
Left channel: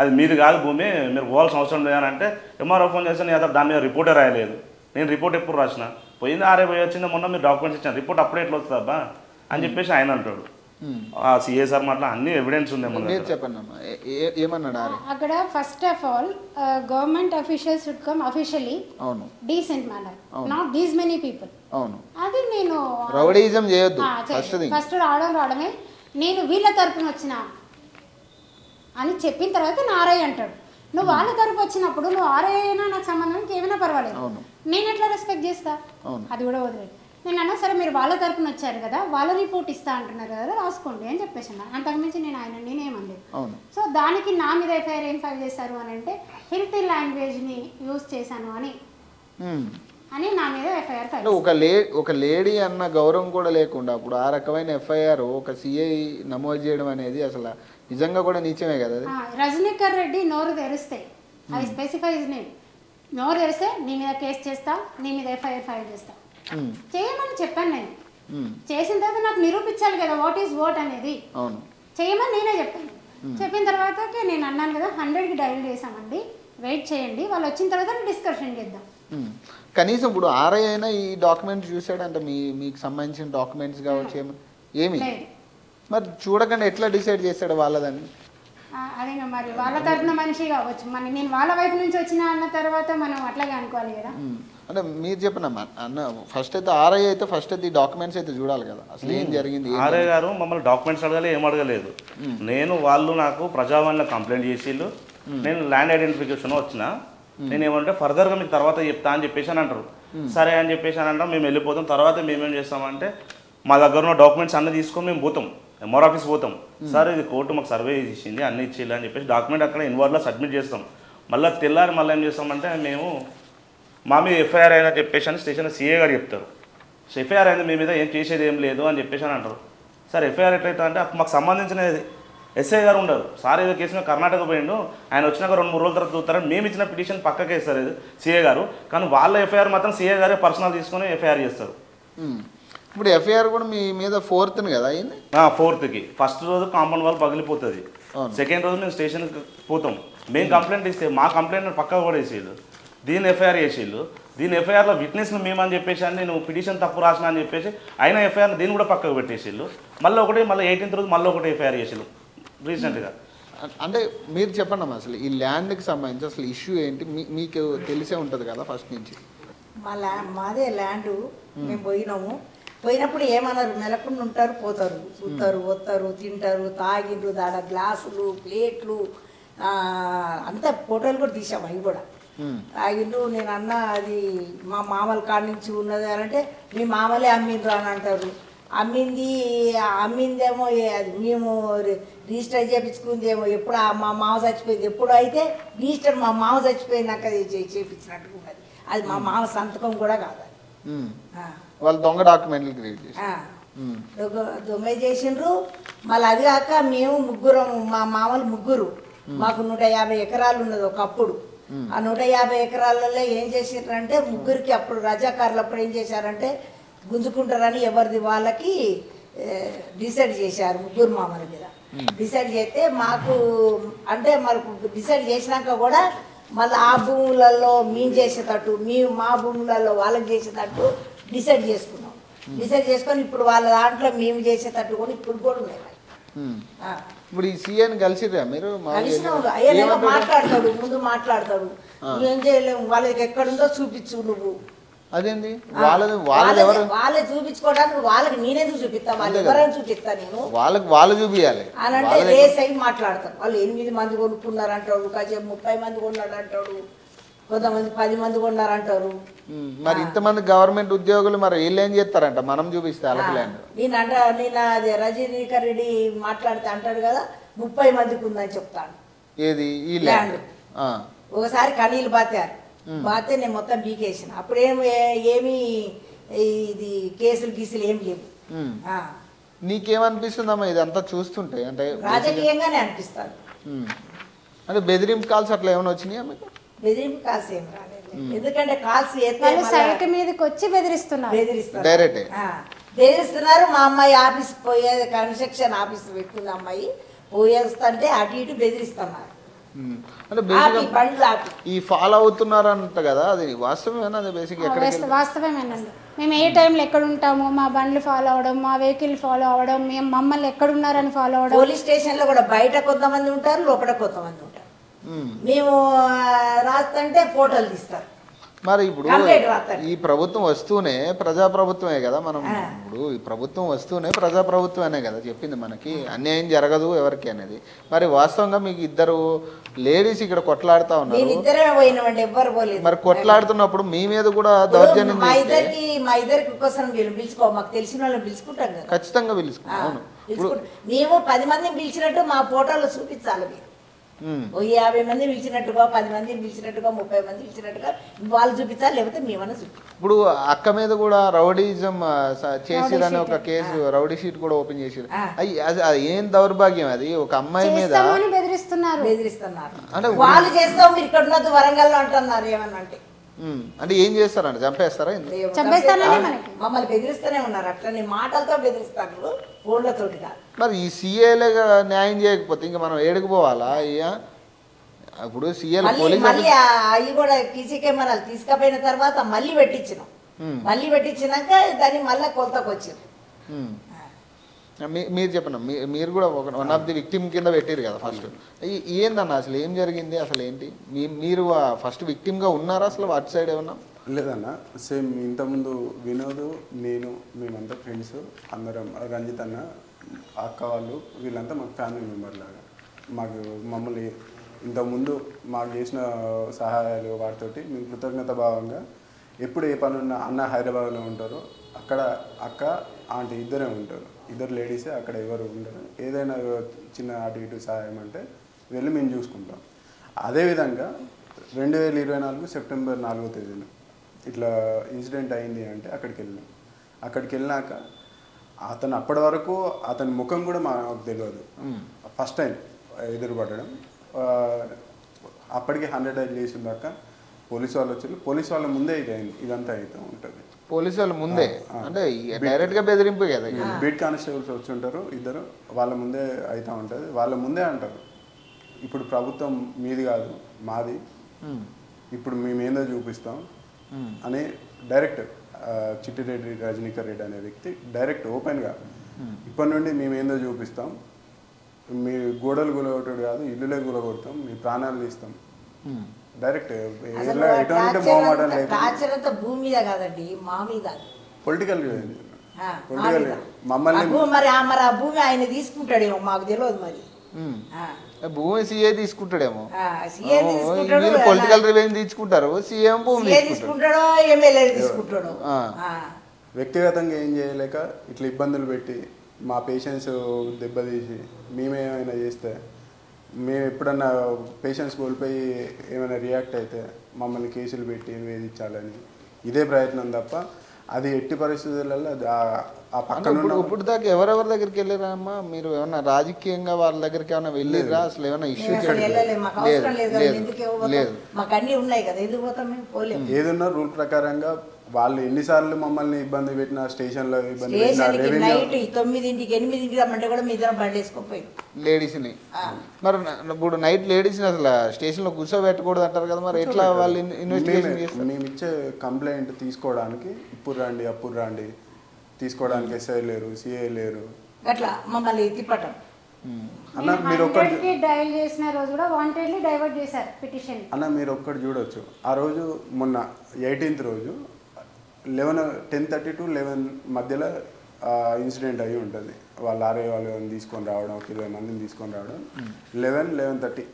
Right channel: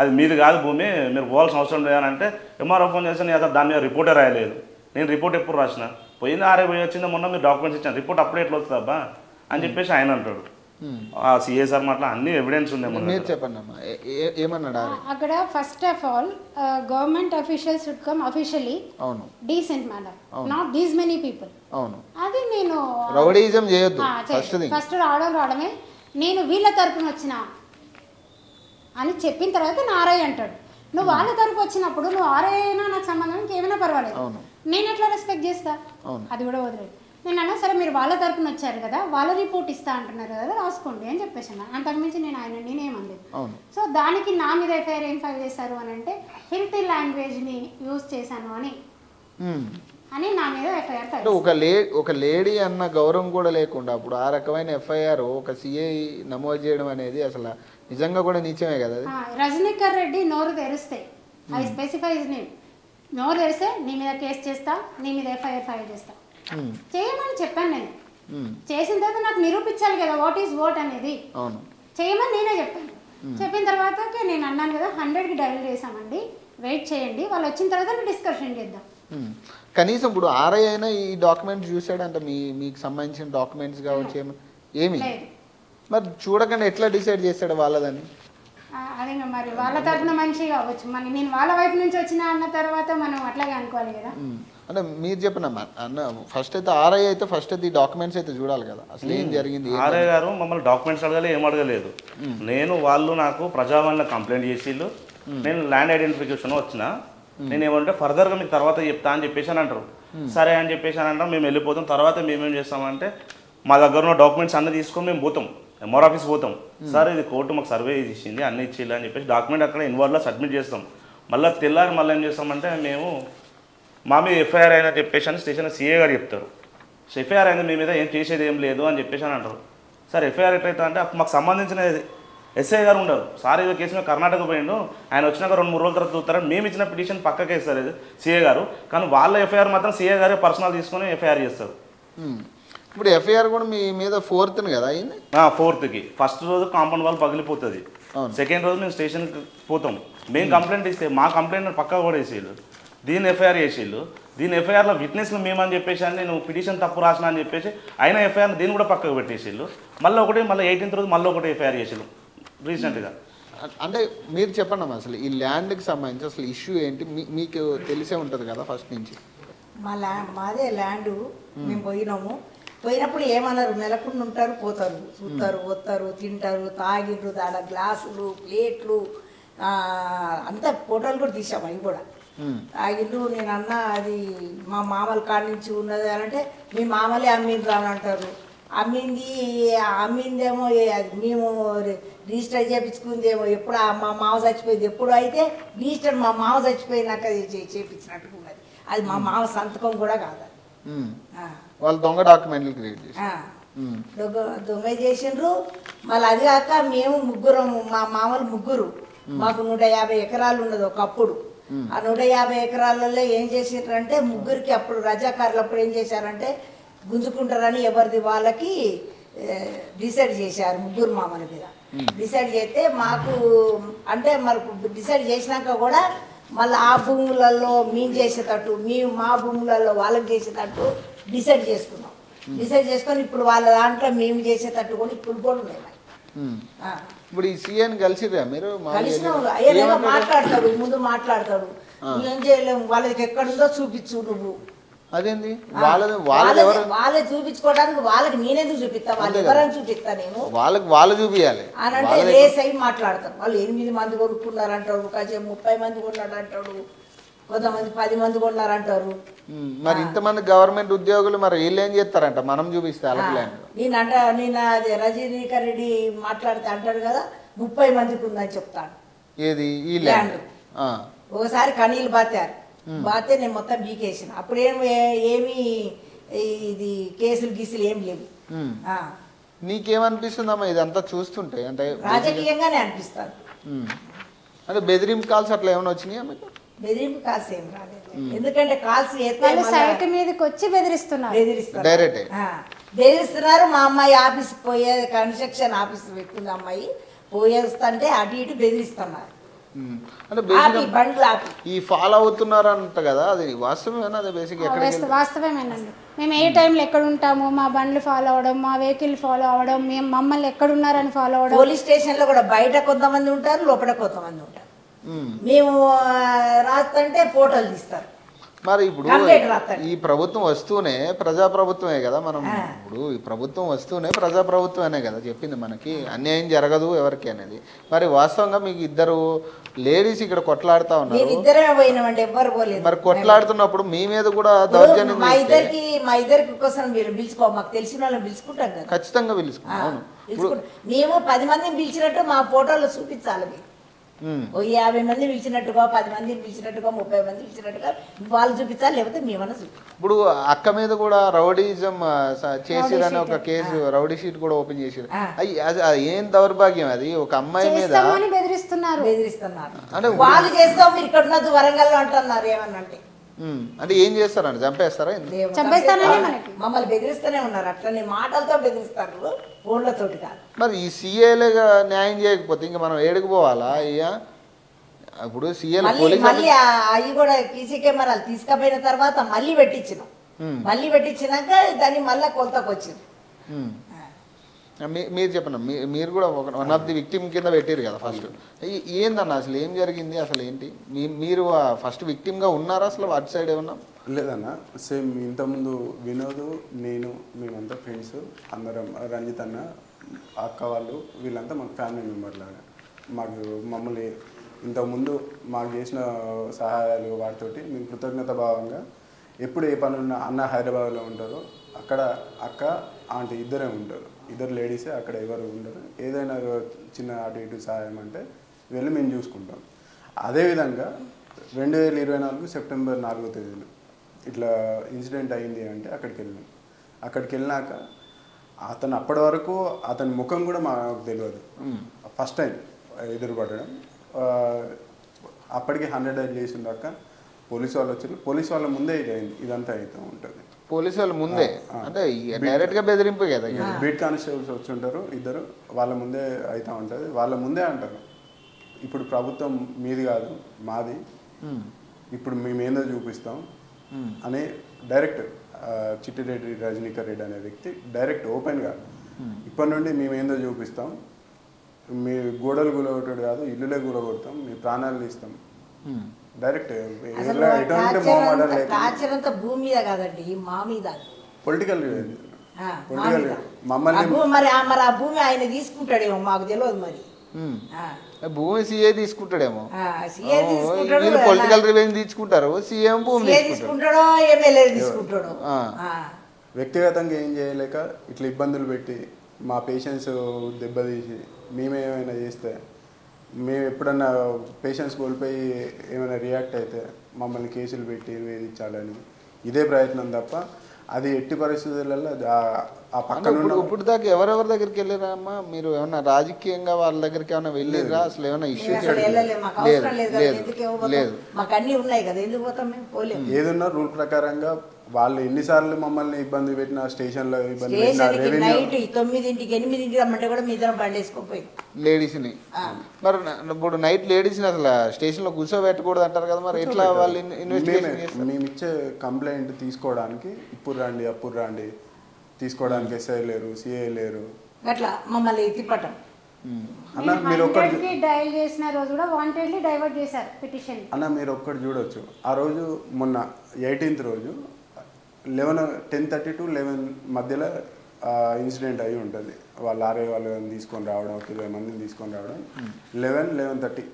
అది మీది కాదు భూమి, మీరు పోవాల్సిన అవసరం లేదని అంటే, ఎంఆర్ఓ ఫోన్ చేస్తే నేను దాని మీద రిపోర్టే రాయలేదు, నేను రిపోర్ట్ ఎప్పుడు రాసిన, పోయింది ఆర్ఐ పోయి వచ్చింది, మొన్న మీరు డాక్యుమెంట్స్ ఇచ్చాను, రిపోర్ట్ అప్పుడే ఎట్లా వస్తుంది అబ్బా అని చెప్పేసి ఆయన అంటాడు. ఆ సీఏ సార్ మాట్లా అన్ని ఎవిడెన్స్ ఉన్నాయి మన దగ్గర. అక్కడ first of all government officials should come officially decent manner, not these many people. అది నేను ఫస్ట్ రావడమే, నేను వీళ్ళ తరపున వచ్చిన అని చెప్పిన తర్వాత నా ఆర్ఐ అంటాడు. నువ్వు వాళ్ళ తరపు వచ్చినప్పుడు నువ్వు ఆర్ఐ అయినా నాకు సంబంధం ఇంకేమైనా పర్వాలేదు, నేను ఎట్లా రెస్పెక్ట్ చేస్తా, అది కూడా వదిలేదు. నేను అన్నా సరే మీరు వాళ్ళ తరపున వచ్చారు కదా, వాళ్ళ రిపోర్ట్ ఇస్తా అంటున్నారు కదా, రాసుకోండి అని చెప్పేసి అన్నా. అంతకుమించి నేనేమనలేదు. సో దానికి నా మీద ఎఫ్ఐఆర్ ఏం ఫైల్ చేశారు అని అంటే, హిల్తీ లాంగ్వేజ్ని యూజ్ చేశాను అని నా మీద ఎఫ్ఐఆర్ ఫైల్ చేశారు. ఒక లేడీ అన్న గౌరవం కూడా లేకుండా ఆ రకమైన ఎఫ్ఐఆర్ ఒక సిఐ నమోదు చేయడం అనేది అసలు నిజంగా కూడా నిశ్చయమే కదా. రజనీకర్ రెడ్డి నోరు తెరిస్తే, ఐ స్పెసిఫై హిజ్ నేమ్, నోరు తెరిస్తే నీ మీద కేసు చేస్తా, నీ మీద ఎఫ్ఐఆర్ ఫైల్ చేస్తా, చేయమని చెప్పాను నేను. చేసిన తర్వాత నాకు నిరూపించాలి కదా వాట్ ఈజ్ వాట్ అనేది. చేయమని నేనే చెప్పాను. చెప్పిన తర్వాత నేను అన్నాను కదా 100కి డైల్ చేసామండి, వెయిట్ చేయండి, వాళ్ళు వచ్చిన తర్వాత డిస్కషన్ చేద్దాం. కనీసం ఇప్పుడు ఆర్ఐ అయినా ఈ డాక్యుమెంట్స్ చూసాడంటే మీకు సంబంధించిన డాక్యుమెంట్స్ లేదు. మరి చూడగానే ఎట్లా డిసైడ్ చేశాడు వాళ్ళని? అదే మరి వాళ్ళ తరపున మనిషి కావచ్చు, మరి నేను వాళ్ళ వైపు నుంచి వచ్చిన అన్న తర్వాత మనం అట్లాగే అనుకోవాలి కదా. మీరు చెప్పినమ్మా ఫస్ట్ అయితే ఆర్ఐ అయితే ఫస్ట్ ఈ డాక్యుమెంట్స్ అయితే చూడాలి. ఆర్ఐ గారు మమ్మల్ని డాక్యుమెంట్స్ అడగాలి, ఏం అడగలేదు. నేను వాళ్ళు నాకు ప్రజావాణిలో కంప్లైంట్ చేసిళ్ళు, నేను ల్యాండ్ ఐడెంటిఫికేషన్ వచ్చిన, నేను ఏమంటే ఫర్దర్గా మీకు తర్వాత చెప్తా అని చెప్పేసి అని అంటారు. సరే అని చెప్పేసి అని అంటాం, మేము వెళ్ళిపోతాం. తర్వాత మేమేం చేస్తామంటే మా దగ్గర ఉన్న డాక్యుమెంట్స్ అన్నీ తీసుకొని మేము పోతాం, ఎంఆర్ ఆఫీస్ పోతాం. సార్ ఇది కోర్టు మాకు సర్వే చేసింది, అన్నీ ఇచ్చేయాలి అని చెప్పేసి డాక్యుమెంట్ అక్కడ ఇన్వార్డ్లో సబ్మిట్ చేస్తాం. మళ్ళీ తెల్లారి మళ్ళీ ఏం చేస్తామంటే మేము మా మీద ఎఫ్ఐఆర్ అయినా చెప్పేసి అని స్టేషన్ సీఏ గారు చెప్తారు. సో ఎఫ్ఐఆర్ అయింది, మీ మీద ఏం చేసేది ఏం లేదు అని చెప్పేసి అని అంటారు. సార్ ఎఫ్ఐఆర్ ఎట్లయితే అంటే మాకు సంబంధించినది ఎస్ఐ గారు ఉండరు. సార్ ఏదో కేసు మీద కర్ణాటక పోయిండు, ఆయన వచ్చినాక 2-3 రోజుల తర్వాత చూస్తారని మేము ఇచ్చిన పిటిషన్ పక్కకే ఇస్తారు ఇది సీఏ గారు, కానీ వాళ్ళ ఎఫ్ఐఆర్ మాత్రం సీఏ గారే పర్సనల్ తీసుకొని ఎఫ్ఐఆర్ చేస్తారు. ఇప్పుడు ఎఫ్ఐఆర్ కూడా మీ మీద 4th కదా? 4th ఫస్ట్ రోజు కాంపౌండ్ వాల్ పగిలిపోతుంది, సెకండ్ రోజు మేము స్టేషన్కి పోతాం. మేము కంప్లైంట్ ఇస్తే మా కంప్లైంట్ పక్కకు కూడా వేసేళ్ళు, దీన్ని ఎఫ్ఐఆర్ చేసేళ్ళు. దీని ఎఫ్ఐఆర్లో విట్నెస్లు మేమని చెప్పేసి అని నేను పిటిషన్ తప్పు రాసిన అని చెప్పేసి అయినా ఎఫ్ఐఆర్ దీన్ని కూడా పక్కకు పెట్టేసేళ్ళు. మళ్ళీ 18th రోజు మళ్ళీ ఒకటి ఎఫ్ఐఆర్ చేసేళ్ళు రీసెంట్గా. అంటే మీరు చెప్పండి ఈ ల్యాండ్కి సంబంధించి ఇష్యూ ఏంటి మీకు తెలిసే ఉంటుంది కదా? మాదే ల్యాండ్, మేము పోయినప్పుడు ఏమన్నారు, నెలకుండా ఉంటారు, పోతారు, చూస్తారు, వస్తారు, తింటారు, తాగిండ్రు, దాని గ్లాసులు, ప్లేట్లు అంతా ఫోటోలు కూడా తీసాము. అవి కూడా తాగిండ్రు. నేను అన్నా అది మా మామల కానించి ఉన్నది అంటే మీ మామలే అమ్మిండ్రు అని అంటారు. అమ్మిందేమో మేము రిజిస్టర్ చేయించుకుందేమో, ఎప్పుడు మా మామ చచ్చిపోయింది ఎప్పుడు అయితే రిజిస్టర్ మా మామ చచ్చిపోయినాక చేయించినట్టు ఉంటుంది. అది మా మామ సంతకం కూడా కాదు, దొంగ చేసిండ్రు. మళ్ళీ అది కాక మేము ముగ్గురం, మా మామలు ముగ్గురు, మాకు 150 ఎకరాలు ఉన్నది ఒకప్పుడు. ఆ 150 ఎకరాలలో ఏం చేసిండ్రంటే ముగ్గురికి అప్పుడు రజాకారులు అప్పుడు ఏం చేశారంటే గుంజుకుంటారని ఎవరిది వాళ్ళకి డిసైడ్ చేశారు. ముగ్గురు మామూల మీద డిసైడ్ చేస్తే మాకు అంటే మనకు డిసైడ్ చేసినాక కూడా మళ్ళీ ఆ భూములలో మేము చేసేటట్టు, మేము మా భూములలో వాళ్ళకి చేసేటట్టు డిసైడ్ చేసుకున్నాం. డిసైడ్ చేసుకొని ఇప్పుడు వాళ్ళ దాంట్లో మేము చేసేటట్టు కూడా ఇప్పుడు కూడా ఉన్నాం. కలిసినాం, ఏదైనా మాట్లాడతాడు, ముందు మాట్లాడతాడు, నువ్వేం చేయలేము, వాళ్ళకి ఎక్కడుందో చూపించు నువ్వు. వాళ్ళే చూపించుకోవడానికి వాళ్ళకి నేనే చూపిస్తా, వాళ్ళు ఎవరైనా చూపిస్తా నేను అని అంటే రేస్ అయి మాట్లాడతారు. వాళ్ళు 8 మంది కొనుక్కున్నారు అంటాడు, కాసేపు 30 మంది కొన్నాడు అంటాడు, కొంతమంది 10 మంది కొన్నారు అంటారు. గవర్నమెంట్ ఉద్యోగులు మరి ఏం చెప్తారంట మనం చూపిస్తా. నిన్న రజనీకర్ రెడ్డి మాట్లాడితే అంటాడు కదా 30 మందికి ఉందని చెప్తాను ల్యాండ్. ఒకసారి కనీలు బాతే నేను మొత్తం బీకేసిన, అప్పుడేమి ఇది కేసులు గీసులు ఏం లేదు. నీకేమనిపిస్తుందమ్మా ఇదంతా చూస్తుంటే? రాజకీయంగానే అనిపిస్తాను. బెదిరింపు కాల్స్ అట్లా ఏమైనా వచ్చినాయా? బెదిరింపు కాల్స్ ఏం రాలేదు, ఎందుకంటే కాల్స్ వాళ్ళు సైట్ మీదకి వచ్చి బెదిరిస్తున్నారు. మా అమ్మాయి ఆఫీస్ పోయే కన్స్ట్రక్షన్ ఆఫీస్ పెట్టుకుంది, అమ్మాయి పోయేస్తుంటే అటు ఇటు బెదిరిస్తున్నారు. వాస్తవమేనండి. మేము ఏ టైంలో ఎక్కడ ఉంటాము, మా బండ్లు ఫాలో అవడం, మా వెహికల్ ఫాలో అవడం, మేము మమ్మల్ని ఎక్కడున్నారని ఫాలో అవడం. పోలీస్ స్టేషన్ లో కూడా బయట కొంతమంది ఉంటారు, లోపల కొంతమంది ఉంటారు. మేము రాస్తుంటే ఫోటోలు తీస్తారు, కంప్లైంట్ రాస్తారు. ఈ ప్రభుత్వం వస్తూనే ప్రజాప్రభుత్వమే కదా, ప్రభుత్వం వస్తూనే ప్రజాప్రభుత్వమే కదా చెప్పింది మనకి, అన్యాయం జరగదు. మరి వాస్తవంగా మీకు ఇద్దరు లేడీస్ ఇక్కడ కొట్లాడుతా, మేమిద్దరే పోయినామంటే ఎవ్వరు పోలేదు. కొట్లాడుతున్నప్పుడు మీ మీద కూడా మా ఇద్దరికి కోసం మీరు పిలుచుకో, మాకు తెలిసిన వాళ్ళని పిలుచుకుంటాను కదా, ఖచ్చితంగా పిలుచుకుంటాం. మేము 10 మందిని పిలిచినట్టు మా ఫోటోలు చూపించాలి. 50 మంది పిలిచినట్టుగా, 10 మంది పిలిచినట్టుగా, 30 మంది పిలిచినట్టుగా వాళ్ళు చూపించాలి, లేకపోతే మేమన్నా చూపించాలి. ఇప్పుడు అక్క మీద కూడా రౌడీజం, రౌడీ షీట్ కూడా ఓపెన్ చేసి ఏం దౌర్భాగ్యం అది. ఒక అమ్మాయి చేస్తామని బెదిరిస్తున్నారు. వాళ్ళు చేస్తాం, మీరు ఇక్కడ ఉన్నది వరంగల్ అంటున్నారు. ఏమన్నా అంటే ఏం చేస్తారు? చంపేస్తాననే మనకి మమ్మల్ని బెదిరిస్తూనే ఉన్నారు, అట్లనే మాటలతో బెదిరిస్తారు, ఫోన్లతోటి కాదు. మరి ఈ సీఏ న్యాయం చేయకపోతే ఇంకా మనం ఏడిపోవాలా అయ్యా? అప్పుడు సీఏ మళ్ళీ అవి కూడా సీసీ కెమెరాలు తీసుకుపోయిన తర్వాత మళ్ళీ పెట్టించినాక దాన్ని మళ్ళీ కొలతకు వచ్చింది. మీరు చెప్పండి, మీరు కూడా విక్టిమ్ కింద పెట్టారు కదా, ఏందన్నా అసలు ఏం జరిగింది, అసలు ఏంటి? మీరు ఫస్ట్ విక్టిమ్ గా ఉన్నారా అసలు అటు సైడ్ ఏమన్నా? లేదన్న, సేమ్ ఇంతకుముందు వినోద్, నేను, మేమంతా ఫ్రెండ్స్ అందరం, రంజిత్ అన్న, అక్క వాళ్ళు, వీళ్ళంతా మాకు ఫ్యామిలీ మెంబర్ లాగా. మమ్మల్ని ఇంతకుముందు మాకు చేసిన సహాయాలు వాటితోటి మేము కృతజ్ఞత భావంగా ఎప్పుడు ఏ పని ఉన్నా, అన్న హైదరాబాద్లో ఉంటారు, అక్కడ అక్క ఆంటీ ఇద్దరే ఉంటారు, ఇద్దరు లేడీసే, అక్కడ ఎవరు ఉండరు. ఏదైనా చిన్న అటు ఇటు సహాయం అంటే వెళ్ళి మేము చూసుకుంటాం. అదేవిధంగా 2024 సెప్టెంబర్ 4వ తేదీన ఇట్లా ఇన్సిడెంట్ అయింది అంటే అక్కడికి వెళ్ళినాక అతను అప్పటి వరకు అతని ముఖం కూడా మాకు తెలియదు, ఫస్ట్ టైం ఎదురుపడడం. అప్పటికి 100 డైల్ చేసిన దాకా పోలీసు వాళ్ళు వచ్చారు, పోలీసు వాళ్ళ ముందే ఇదంతా అవుతూ ఉంటుంది. బీట్ కానిస్టేబుల్స్ వచ్చి ఉంటారు ఇద్దరు, వాళ్ళ ముందే అవుతూ ఉంటుంది, వాళ్ళ ముందే అంటారు ఇప్పుడు ప్రభుత్వం మీది కాదు మాది, ఇప్పుడు మేమేందో చూపిస్తాం అని డైరెక్ట్ చిట్టిరెడ్డి రజనీకర్ రెడ్డి అనే వ్యక్తి డైరెక్ట్ ఓపెన్గా ఇప్పటి నుండి మేమేందో చూపిస్తాం, మీ గోడలు గులగొట్టడు కాదు ఇల్లులే గులగొడతాం, మీ ప్రాణాలు తీస్తాం, డైరెక్ట్ ఎటువంటి మొహమాటం లేకుండా పొలిటికల్ మమ్మల్ని వ్యక్తిగతంగా ఏం చేయలేక ఇట్లా ఇబ్బందులు పెట్టి మా పేషెంట్స్ దెబ్బతీసి మేమేమైనా చేస్తే, మేము ఎప్పుడన్నా పేషెంట్స్ కోల్పోయి ఏమైనా రియాక్ట్ అయితే మమ్మల్ని కేసులు పెట్టి వేధించాలని ఇదే ప్రయత్నం తప్ప అది ఎట్టి పరిస్థితులలో ఆ పక్కనున్న లేదు, ఎక్కడికి లేదు. ఏదన్నా రూల్ ప్రకారంగా వాళ్ళు ఎన్నిసార్లు మమ్మల్ని ఇబ్బంది పెట్టినా, స్టేషన్లో ఇబ్బంది పెట్టినా, రెవెన్యూ 9ంటికి 8ంటికి రమ్మంటే కూడా మీ జనం బండి వేసుకుపోయి కూర్చోబెట్టారు. మేమిచ్చే కంప్లైంట్ తీసుకోవడానికి ఇప్పుడు రండి అప్పుడు రండి తీసుకోవడానికి ఎస్ఐ లేరు, సిఐ లేరు. అన్న మీరు ఒక్కటి డయల్ చేసిన రోజు కూడా వాంటెడ్లీ డైవర్ట్ చేశారు పిటిషన్. అన్న మీరు ఒక్కటి చూడొచ్చు, ఆ రోజు మొన్న 18th రోజు 10:30 to 11 మధ్యలో ఇన్సిడెంట్ అయ్యి ఉంటుంది. వాళ్ళు ఆర్ఐ వాళ్ళని తీసుకొని రావడం, 20 మందిని తీసుకొని రావడం, 11-11:30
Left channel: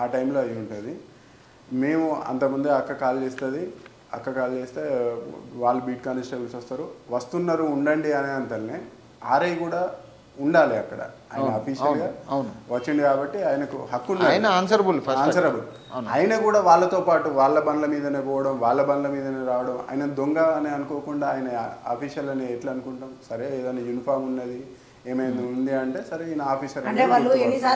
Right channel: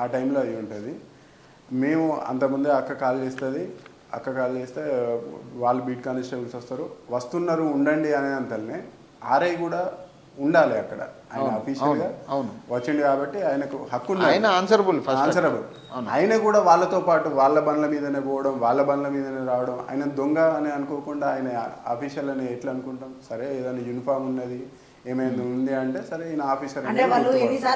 ఆ టైంలో అయ్యి ఉంటుంది. మేము అంతకుముందే అక్క కాల్ చేస్తే వాళ్ళు బీట్ కానిస్టేబుల్స్ వస్తున్నారు ఉండండి అనే అంతల్నే ఆర్ఐ కూడా ఉండాలి అక్కడ, ఆయన అఫీషియల్గా వచ్చింది కాబట్టి ఆయనకు హక్కు ఉన్నది, ఆన్సరబుల్. ఆయన కూడా వాళ్ళతో పాటు వాళ్ళ బండ్ల మీదనే పోవడం, వాళ్ళ బండ్ల మీదనే రావడం, ఆయన దొంగ అని అనుకోకుండా ఆయన అఫీషియల్ అని ఎట్లా అనుకుంటాం? సరే ఏదైనా యూనిఫామ్ ఉన్నది ఏమైంది ఉంది అంటే సరే ఈయన ఆఫీసర్ అనేది గుర్తుపడతాం.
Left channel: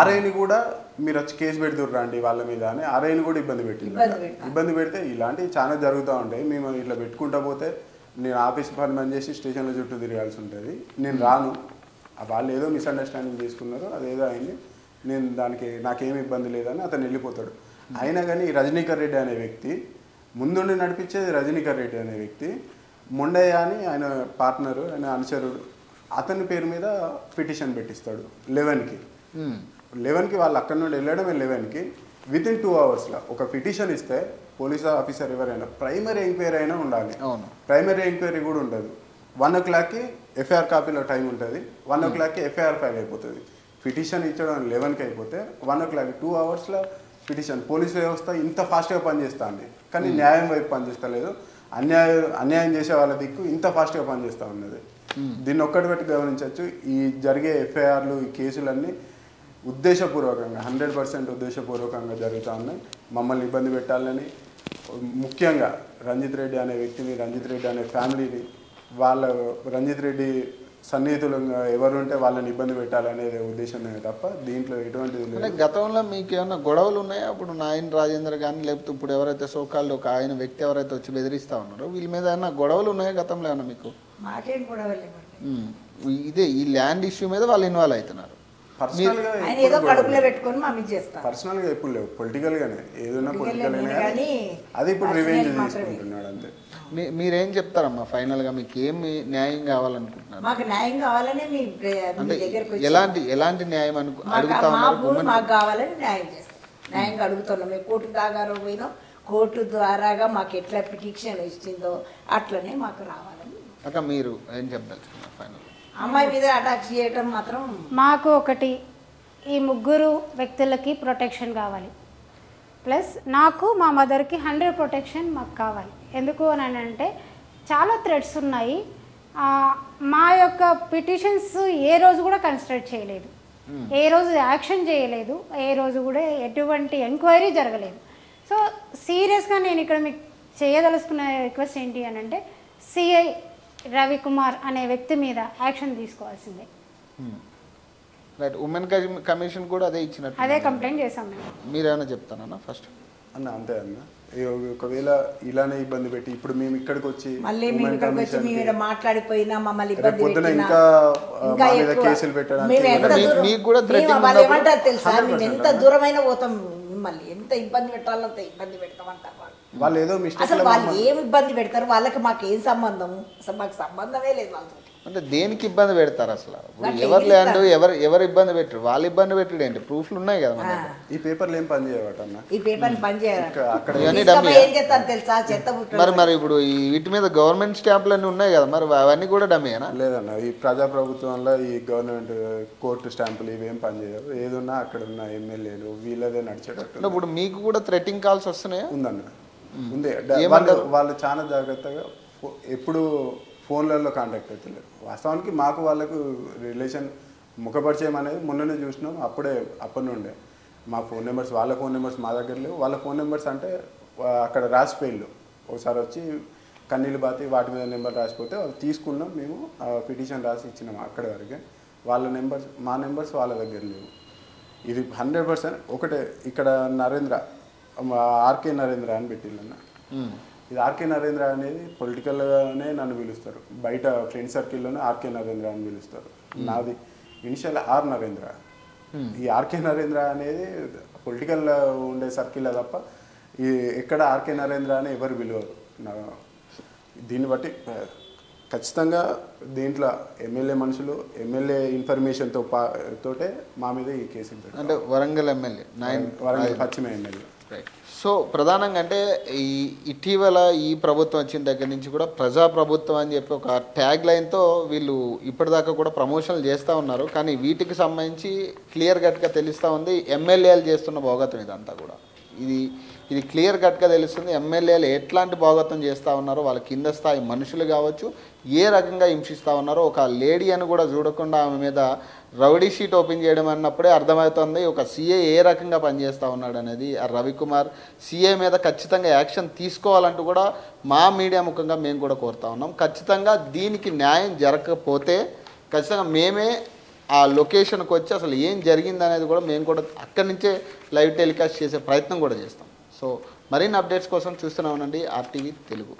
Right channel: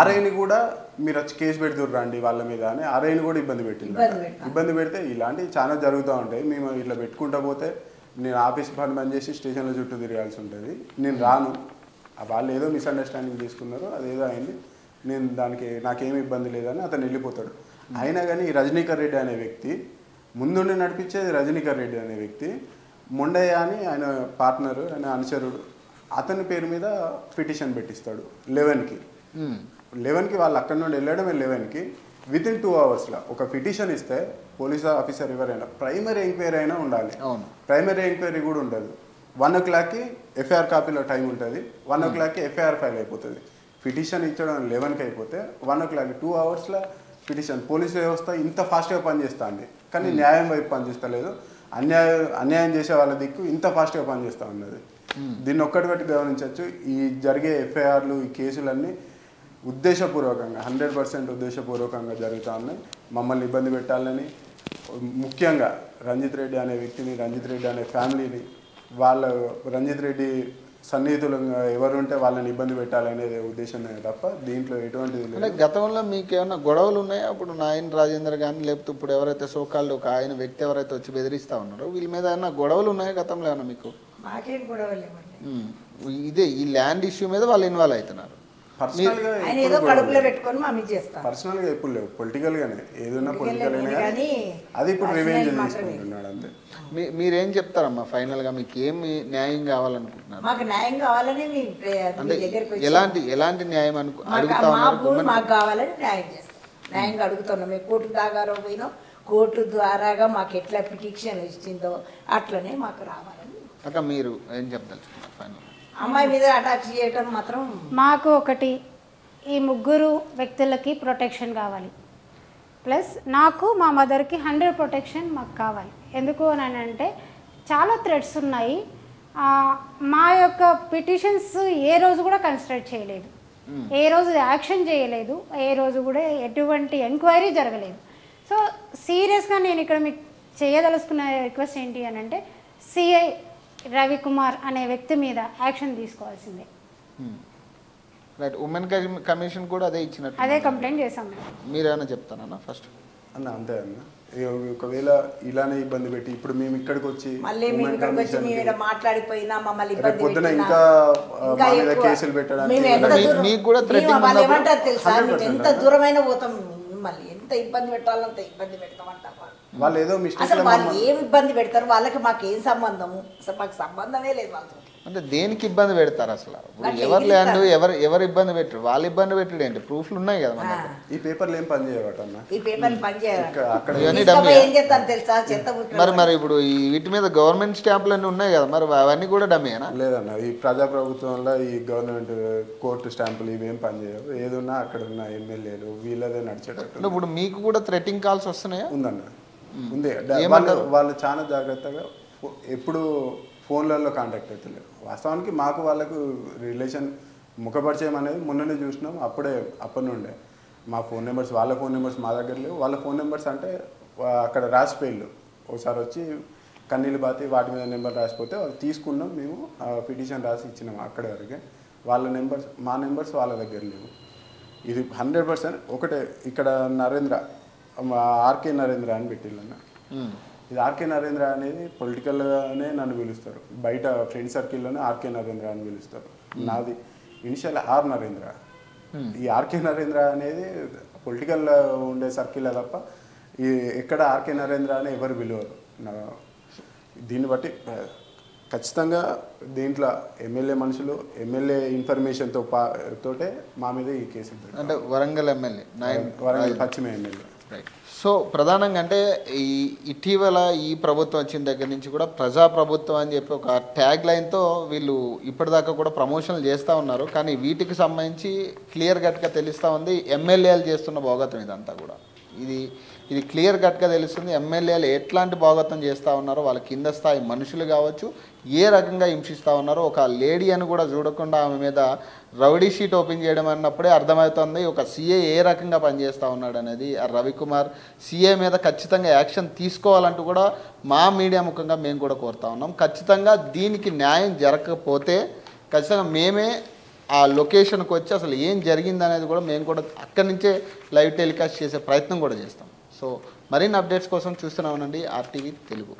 ఆర్ఐని కూడా మీరు వచ్చి కేసు పెడుతుర్రు రండి వాళ్ళ మీద అని ఆర్ఐని కూడా ఇబ్బంది పెట్టిందట. ఇబ్బంది పెడితే ఇలాంటివి చాలా జరుగుతూ ఉంటాయి. మేము ఇట్లా పెట్టుకుంటా పోతే నేను ఆఫీస్ పని బంద్ చేసి స్టేషన్లో చుట్టూ తిరగాల్సి ఉంటుంది, నేను రాను. వాళ్ళు ఏదో మిస్అండర్స్టాండింగ్ చేసుకున్నారు, అదేదో అయింది, నేను దానికి నాకేమి ఇబ్బంది లేదని అతను వెళ్ళిపోతాడు. అయినా కానీ రజనీకర్ రెడ్డి అనే వ్యక్తి ముందుండి నడిపించేది రజనీకర్ రెడ్డి అనే వ్యక్తి మొండయ్య అని ఆయన పార్ట్నరు, ఆయన అనుచరుడు, అతని పేరు మీద పిటిషన్ పెట్టిస్తాడు 11కి. వాళ్ళు అక్కడి నుండి వెళ్ళడమే 11కి. వితిన్ 2 అవర్స్లో ఒక పిటిషన్ ఇస్తే పోలీస్ ఆఫీసర్ ఎవరైనా ప్రైమరీ ఎంక్వైరీ అయినా ఉండాలి, ప్రైమరీ ఎంక్వైరీ కూడా ఉండదు. 1 o'clockకి ఎఫ్ఐఆర్ కాపీలో టైం ఉంటుంది, 1 o'clockకి ఎఫ్ఐఆర్ ఫైల్ అయిపోతుంది. పిటిషన్ ఇచ్చడం 11కి అయిపోతే 1 o'clockకి 2 అవర్స్లో పిటిషన్. పోలీస్ వ్యవస్థ ఇంత ఫాస్ట్గా పనిచేస్తుంది కానీ న్యాయం వైపు పనిచేస్తలేదు, అన్యాయం చేసే వాళ్ళ దిక్కు ఇంత ఫాస్ట్గా పనిచేస్తూ ఉన్నది. దీన్ని ఒక్కటి బట్టి గమనించవచ్చు, ఈ జరిగే ఎఫ్ఐఆర్లు ఈ కేసులన్నీ ఉద్దేశపూర్వకంగా 100% ఉద్దేశపూర్వకంగా జరుగుతూ ఉన్నాయి. మమ్మల్ని ఇబ్బంది పెట్టాలని, ముఖ్యంగా రంజిత్ రెడ్డి అనే వ్యక్తిని, రంజిత్ రెడ్డి అనే ఫ్యామిలీని, రంజిత్ రెడ్డి సన్నిహితులంగా ఎవరు ఉంటే వాళ్ళని ఇబ్బంది పెట్టాలనేది ఉద్దేశం తప్ప దీంట్లో ఎటువంటిది లేదు. గతంలో మీకు ఏమైనా గొడవలు ఉన్నాయా? అప్పుడు నాయన రాజేందర్ కానీ లేకపోతే ఇప్పుడు ఎవరైతే సోకాల్లో ఒక ఆయన వ్యక్తి ఎవరైతే వచ్చి బెదిరిస్తా ఉంటారో ఈ మీద ఏమైనా గొడవలు ఉన్నాయా గతంలో ఏమైనా మీకు? మాకేం గొడవలేదు. ఇదే ఈ ల్యాండ్ ఇష్యూ మీద వాళ్ళు ఇన్వాల్వ్ అవుతున్నారు. పర్సనల్ గా ఎప్పుడు గొడవలు పర్సనల్ గా ఎప్పుడు లేవు. పొలిటికల్ గానే ఏదైనా పొలిటికల్ గానే, కానీ అది ఇప్పుడు రివెంజ్ తీసుకుంటున్నాడు అంతే. మీరేం చెప్తారమ్మా ఫైనల్ గా? మీకు ఏమి న్యాయం కావాలనుకుంటున్నారు? మాకు న్యాయం కావాలని మీ దగ్గరకు వచ్చి ఎలాంటి న్యాయం? మా భూమి మాకు కావాలని న్యాయం చేస్తాం. న్యాయంగా అడుగుతున్నాం. మేము కోర్టు దాకా పోయినాం. కోర్టు ద్వారాగా మాకు ఎట్లా పిటిషన్ ఇచ్చిందో అట్లనే మాకు రావాలని. అక్క మీరు ఏం చెప్తారు? అమ్మాయి మీద అటాక్ చేయటం మాత్రం మాకు ఒకటి, ఈ ముగ్గురు వ్యక్తులకి ప్రొటెక్షన్ కావాలి. ప్లస్ నాకు మా మదర్కి 100 ప్రొటెక్షన్ మాకు కావాలి. ఎందుకు అని అంటే చాలా థ్రెడ్స్ ఉన్నాయి. మా యొక్క పిటిషన్స్ ఏ రోజు కూడా కన్సిడర్ చేయలేదు, ఏ రోజు యాక్షన్ చేయలేదు, ఏ రోజు కూడా ఎటువంటి ఎంక్వైరీ జరగలేదు. సో సీరియస్గా నేను ఇక్కడ మీకు చేయదలుచుకున్న రిక్వెస్ట్ ఏంటి అని అంటే సిఐ రవికుమార్ అనే వ్యక్తి మీద యాక్షన్ తీసుకోవాల్సిందే. అదే కంప్లైంట్ చేసాం మేము. అన్న అంతే అన్న. ఒకవేళ ఇలానే ఇబ్బంది పెట్టి ఇప్పుడు మేము ఇక్కడికి వచ్చి ఉమెన్ కమిషన్ కి రేపు పొద్దున ఇంకా మా మీద కేసులు పెట్టడానికి రెడీ 100%. వాళ్ళు ఏదో మిస్టేక్ లో మమ్మల్ని ఇబ్బంది పెడతారు. వాళ్ళకి మాకు ఏం సంబంధం? అసలు మాకు సంబంధమే లేదు. దేనికి ఇబ్బంది పెడతారు? ఎవరు ఇబ్బంది పెట్టారు? వాళ్ళు ఇబ్బంది పెట్టారు. ప్రూఫ్లు ఉన్నాయి కదా. ఈ పేపర్లు ఏం పని చేయవట అన్న. ఈ పేపర్ పని చేయాలి. అక్కడ ఏం చేస్తారు తెలుసా? గవర్నమెంట్ స్టాంపులు ఉన్నాయి కదా, అవన్నీ కూడా డమ్మీ. లేదన్న, ఈ ప్రజాప్రభుత్వంలో ఈ గవర్నమెంట్ కోర్టు స్టాంపులు ఇవేం పనిచేయవు. ఏదున్నా అక్కడ ఉన్న ఎమ్మెల్యేలు వీళ్ళదే నడిచేటట్టు మీకు కూడా థ్రెటింగ్ కాల్స్ వస్తున్నాయి? ఉందన్న, ఉంది. వాళ్ళు చాలా జాగ్రత్తగా ఎప్పుడు ఫోన్లలో కాంటాక్ట్ అవుతలేరు. వాస్తవానికి మాకు వాళ్ళకు రిలేషన్ ముఖపరిచయం అనేది మొన్ననే చూసినాం. అప్పటి నుండే మా ఫోన్ నెంబర్స్, వాళ్ళ ఫోన్ నెంబర్స్ మా దగ్గర లేవు. వాళ్ళ ఫోన్ నెంబర్స్ అంటే అక్కడ రాసిపోయిళ్ళు. ఒకసారి వచ్చి కన్నీళ్ళు బాతి వాటి మీద నెంబర్ రాసిపోతే వాళ్ళు తీసుకున్నాం. మేము పిటిషన్ రాసి ఇచ్చినాం అక్కడి వరకే. వాళ్ళ నెంబర్స్, మా నెంబర్స్ వాళ్ళ దగ్గర లేవు. ఇది 100% ఒకటే. ఇక్కడ నరేంద్ర, ఆర్కే నరేంద్ర అని పెట్టిళ్ళన్న. ఇది ఆర్కే నరేంద్ర అనేది పొలిటికల్గానే నన్ను పిలుస్తారు. బయట ఫ్రెండ్ సర్కిల్లోనే ఆర్కే నరేంద్ర అని పిలుస్తారు. నాది ఇనిషియల్ ఆర్ నరేంద్ర. ఈ ఆర్కే నరేంద్ర అనేది పొలిటికల్ ఉండే సర్కిల్లో తప్ప ఈ ఎక్కడ ఆర్కే నరేంద్ర అని ఎవరు పిలవరు. దీన్ని బట్టి ఖచ్చితంగా దీంట్లో ఎమ్మెల్యే మనుషులు, ఎమ్మెల్యే ఇన్ఫర్మేషన్తో తోటే మా మీద ఈ కేసులు పెడతాం. వరంగల్ పశ్చిమ ఎమ్మెల్యే. సో ప్రధానంగా అంటే ఇటీవల ఈ ప్రభుత్వం వచ్చిన దగ్గర నుంచి కూడా ప్రజా ప్రభుత్వం అని చెప్పి ఒక ట్యాగ్ లైన్ తో వీళ్ళు ఇప్పటిదాకా కూడా ప్రమోషన్ చేస్తూ ఉన్నారు. కానీ వీటికి సంబంధించి క్లియర్ కట్ గా తెలుస్తా ఉంది ఎమ్మెల్యేలు చేస్తున్న భోగతం ఇదంతా కూడా. ఇది క్లియర్ కట్ గా తెలుస్తుంది ఎమ్మెల్యేలు ఎట్లాంటి భోగతం చేస్తా ఉన్నారో, వాళ్ళ కింద స్థాయి మనుషులు కావచ్చు ఏ రకంగా హింసిస్తా ఉన్నారో. ఒక లేడీ అని కూడా చూడకుండా ఆమె మీద రౌడీ షీట్ ఓపెన్ చేయడం అన్నప్పుడే అర్థమవుతుంది ఒక సీఏ ఏ రకంగా పనిచేస్తా ఉన్నాడు అనేది. ఆ రవికుమార్ సీఏ మీద ఖచ్చితంగా యాక్షన్ తీసుకోవాలంటూ కూడా మా మీడియా ముఖంగా మేము కూడా కోరుతా ఉన్నాం. ఖచ్చితంగా దీనికి న్యాయం జరగకపోతే ఖచ్చితంగా మేమే ఆ లొకేషన్కి వచ్చి అసలు ఏం జరిగింది అనేది కూడా మేము కూడా అక్కడి నుంచే లైవ్ టెలికాస్ట్ చేసే ప్రయత్నం కూడా చేస్తాం. సో మరిన్ని అప్డేట్స్ కోసం చూస్తున్నామండి RTV తెలుగు.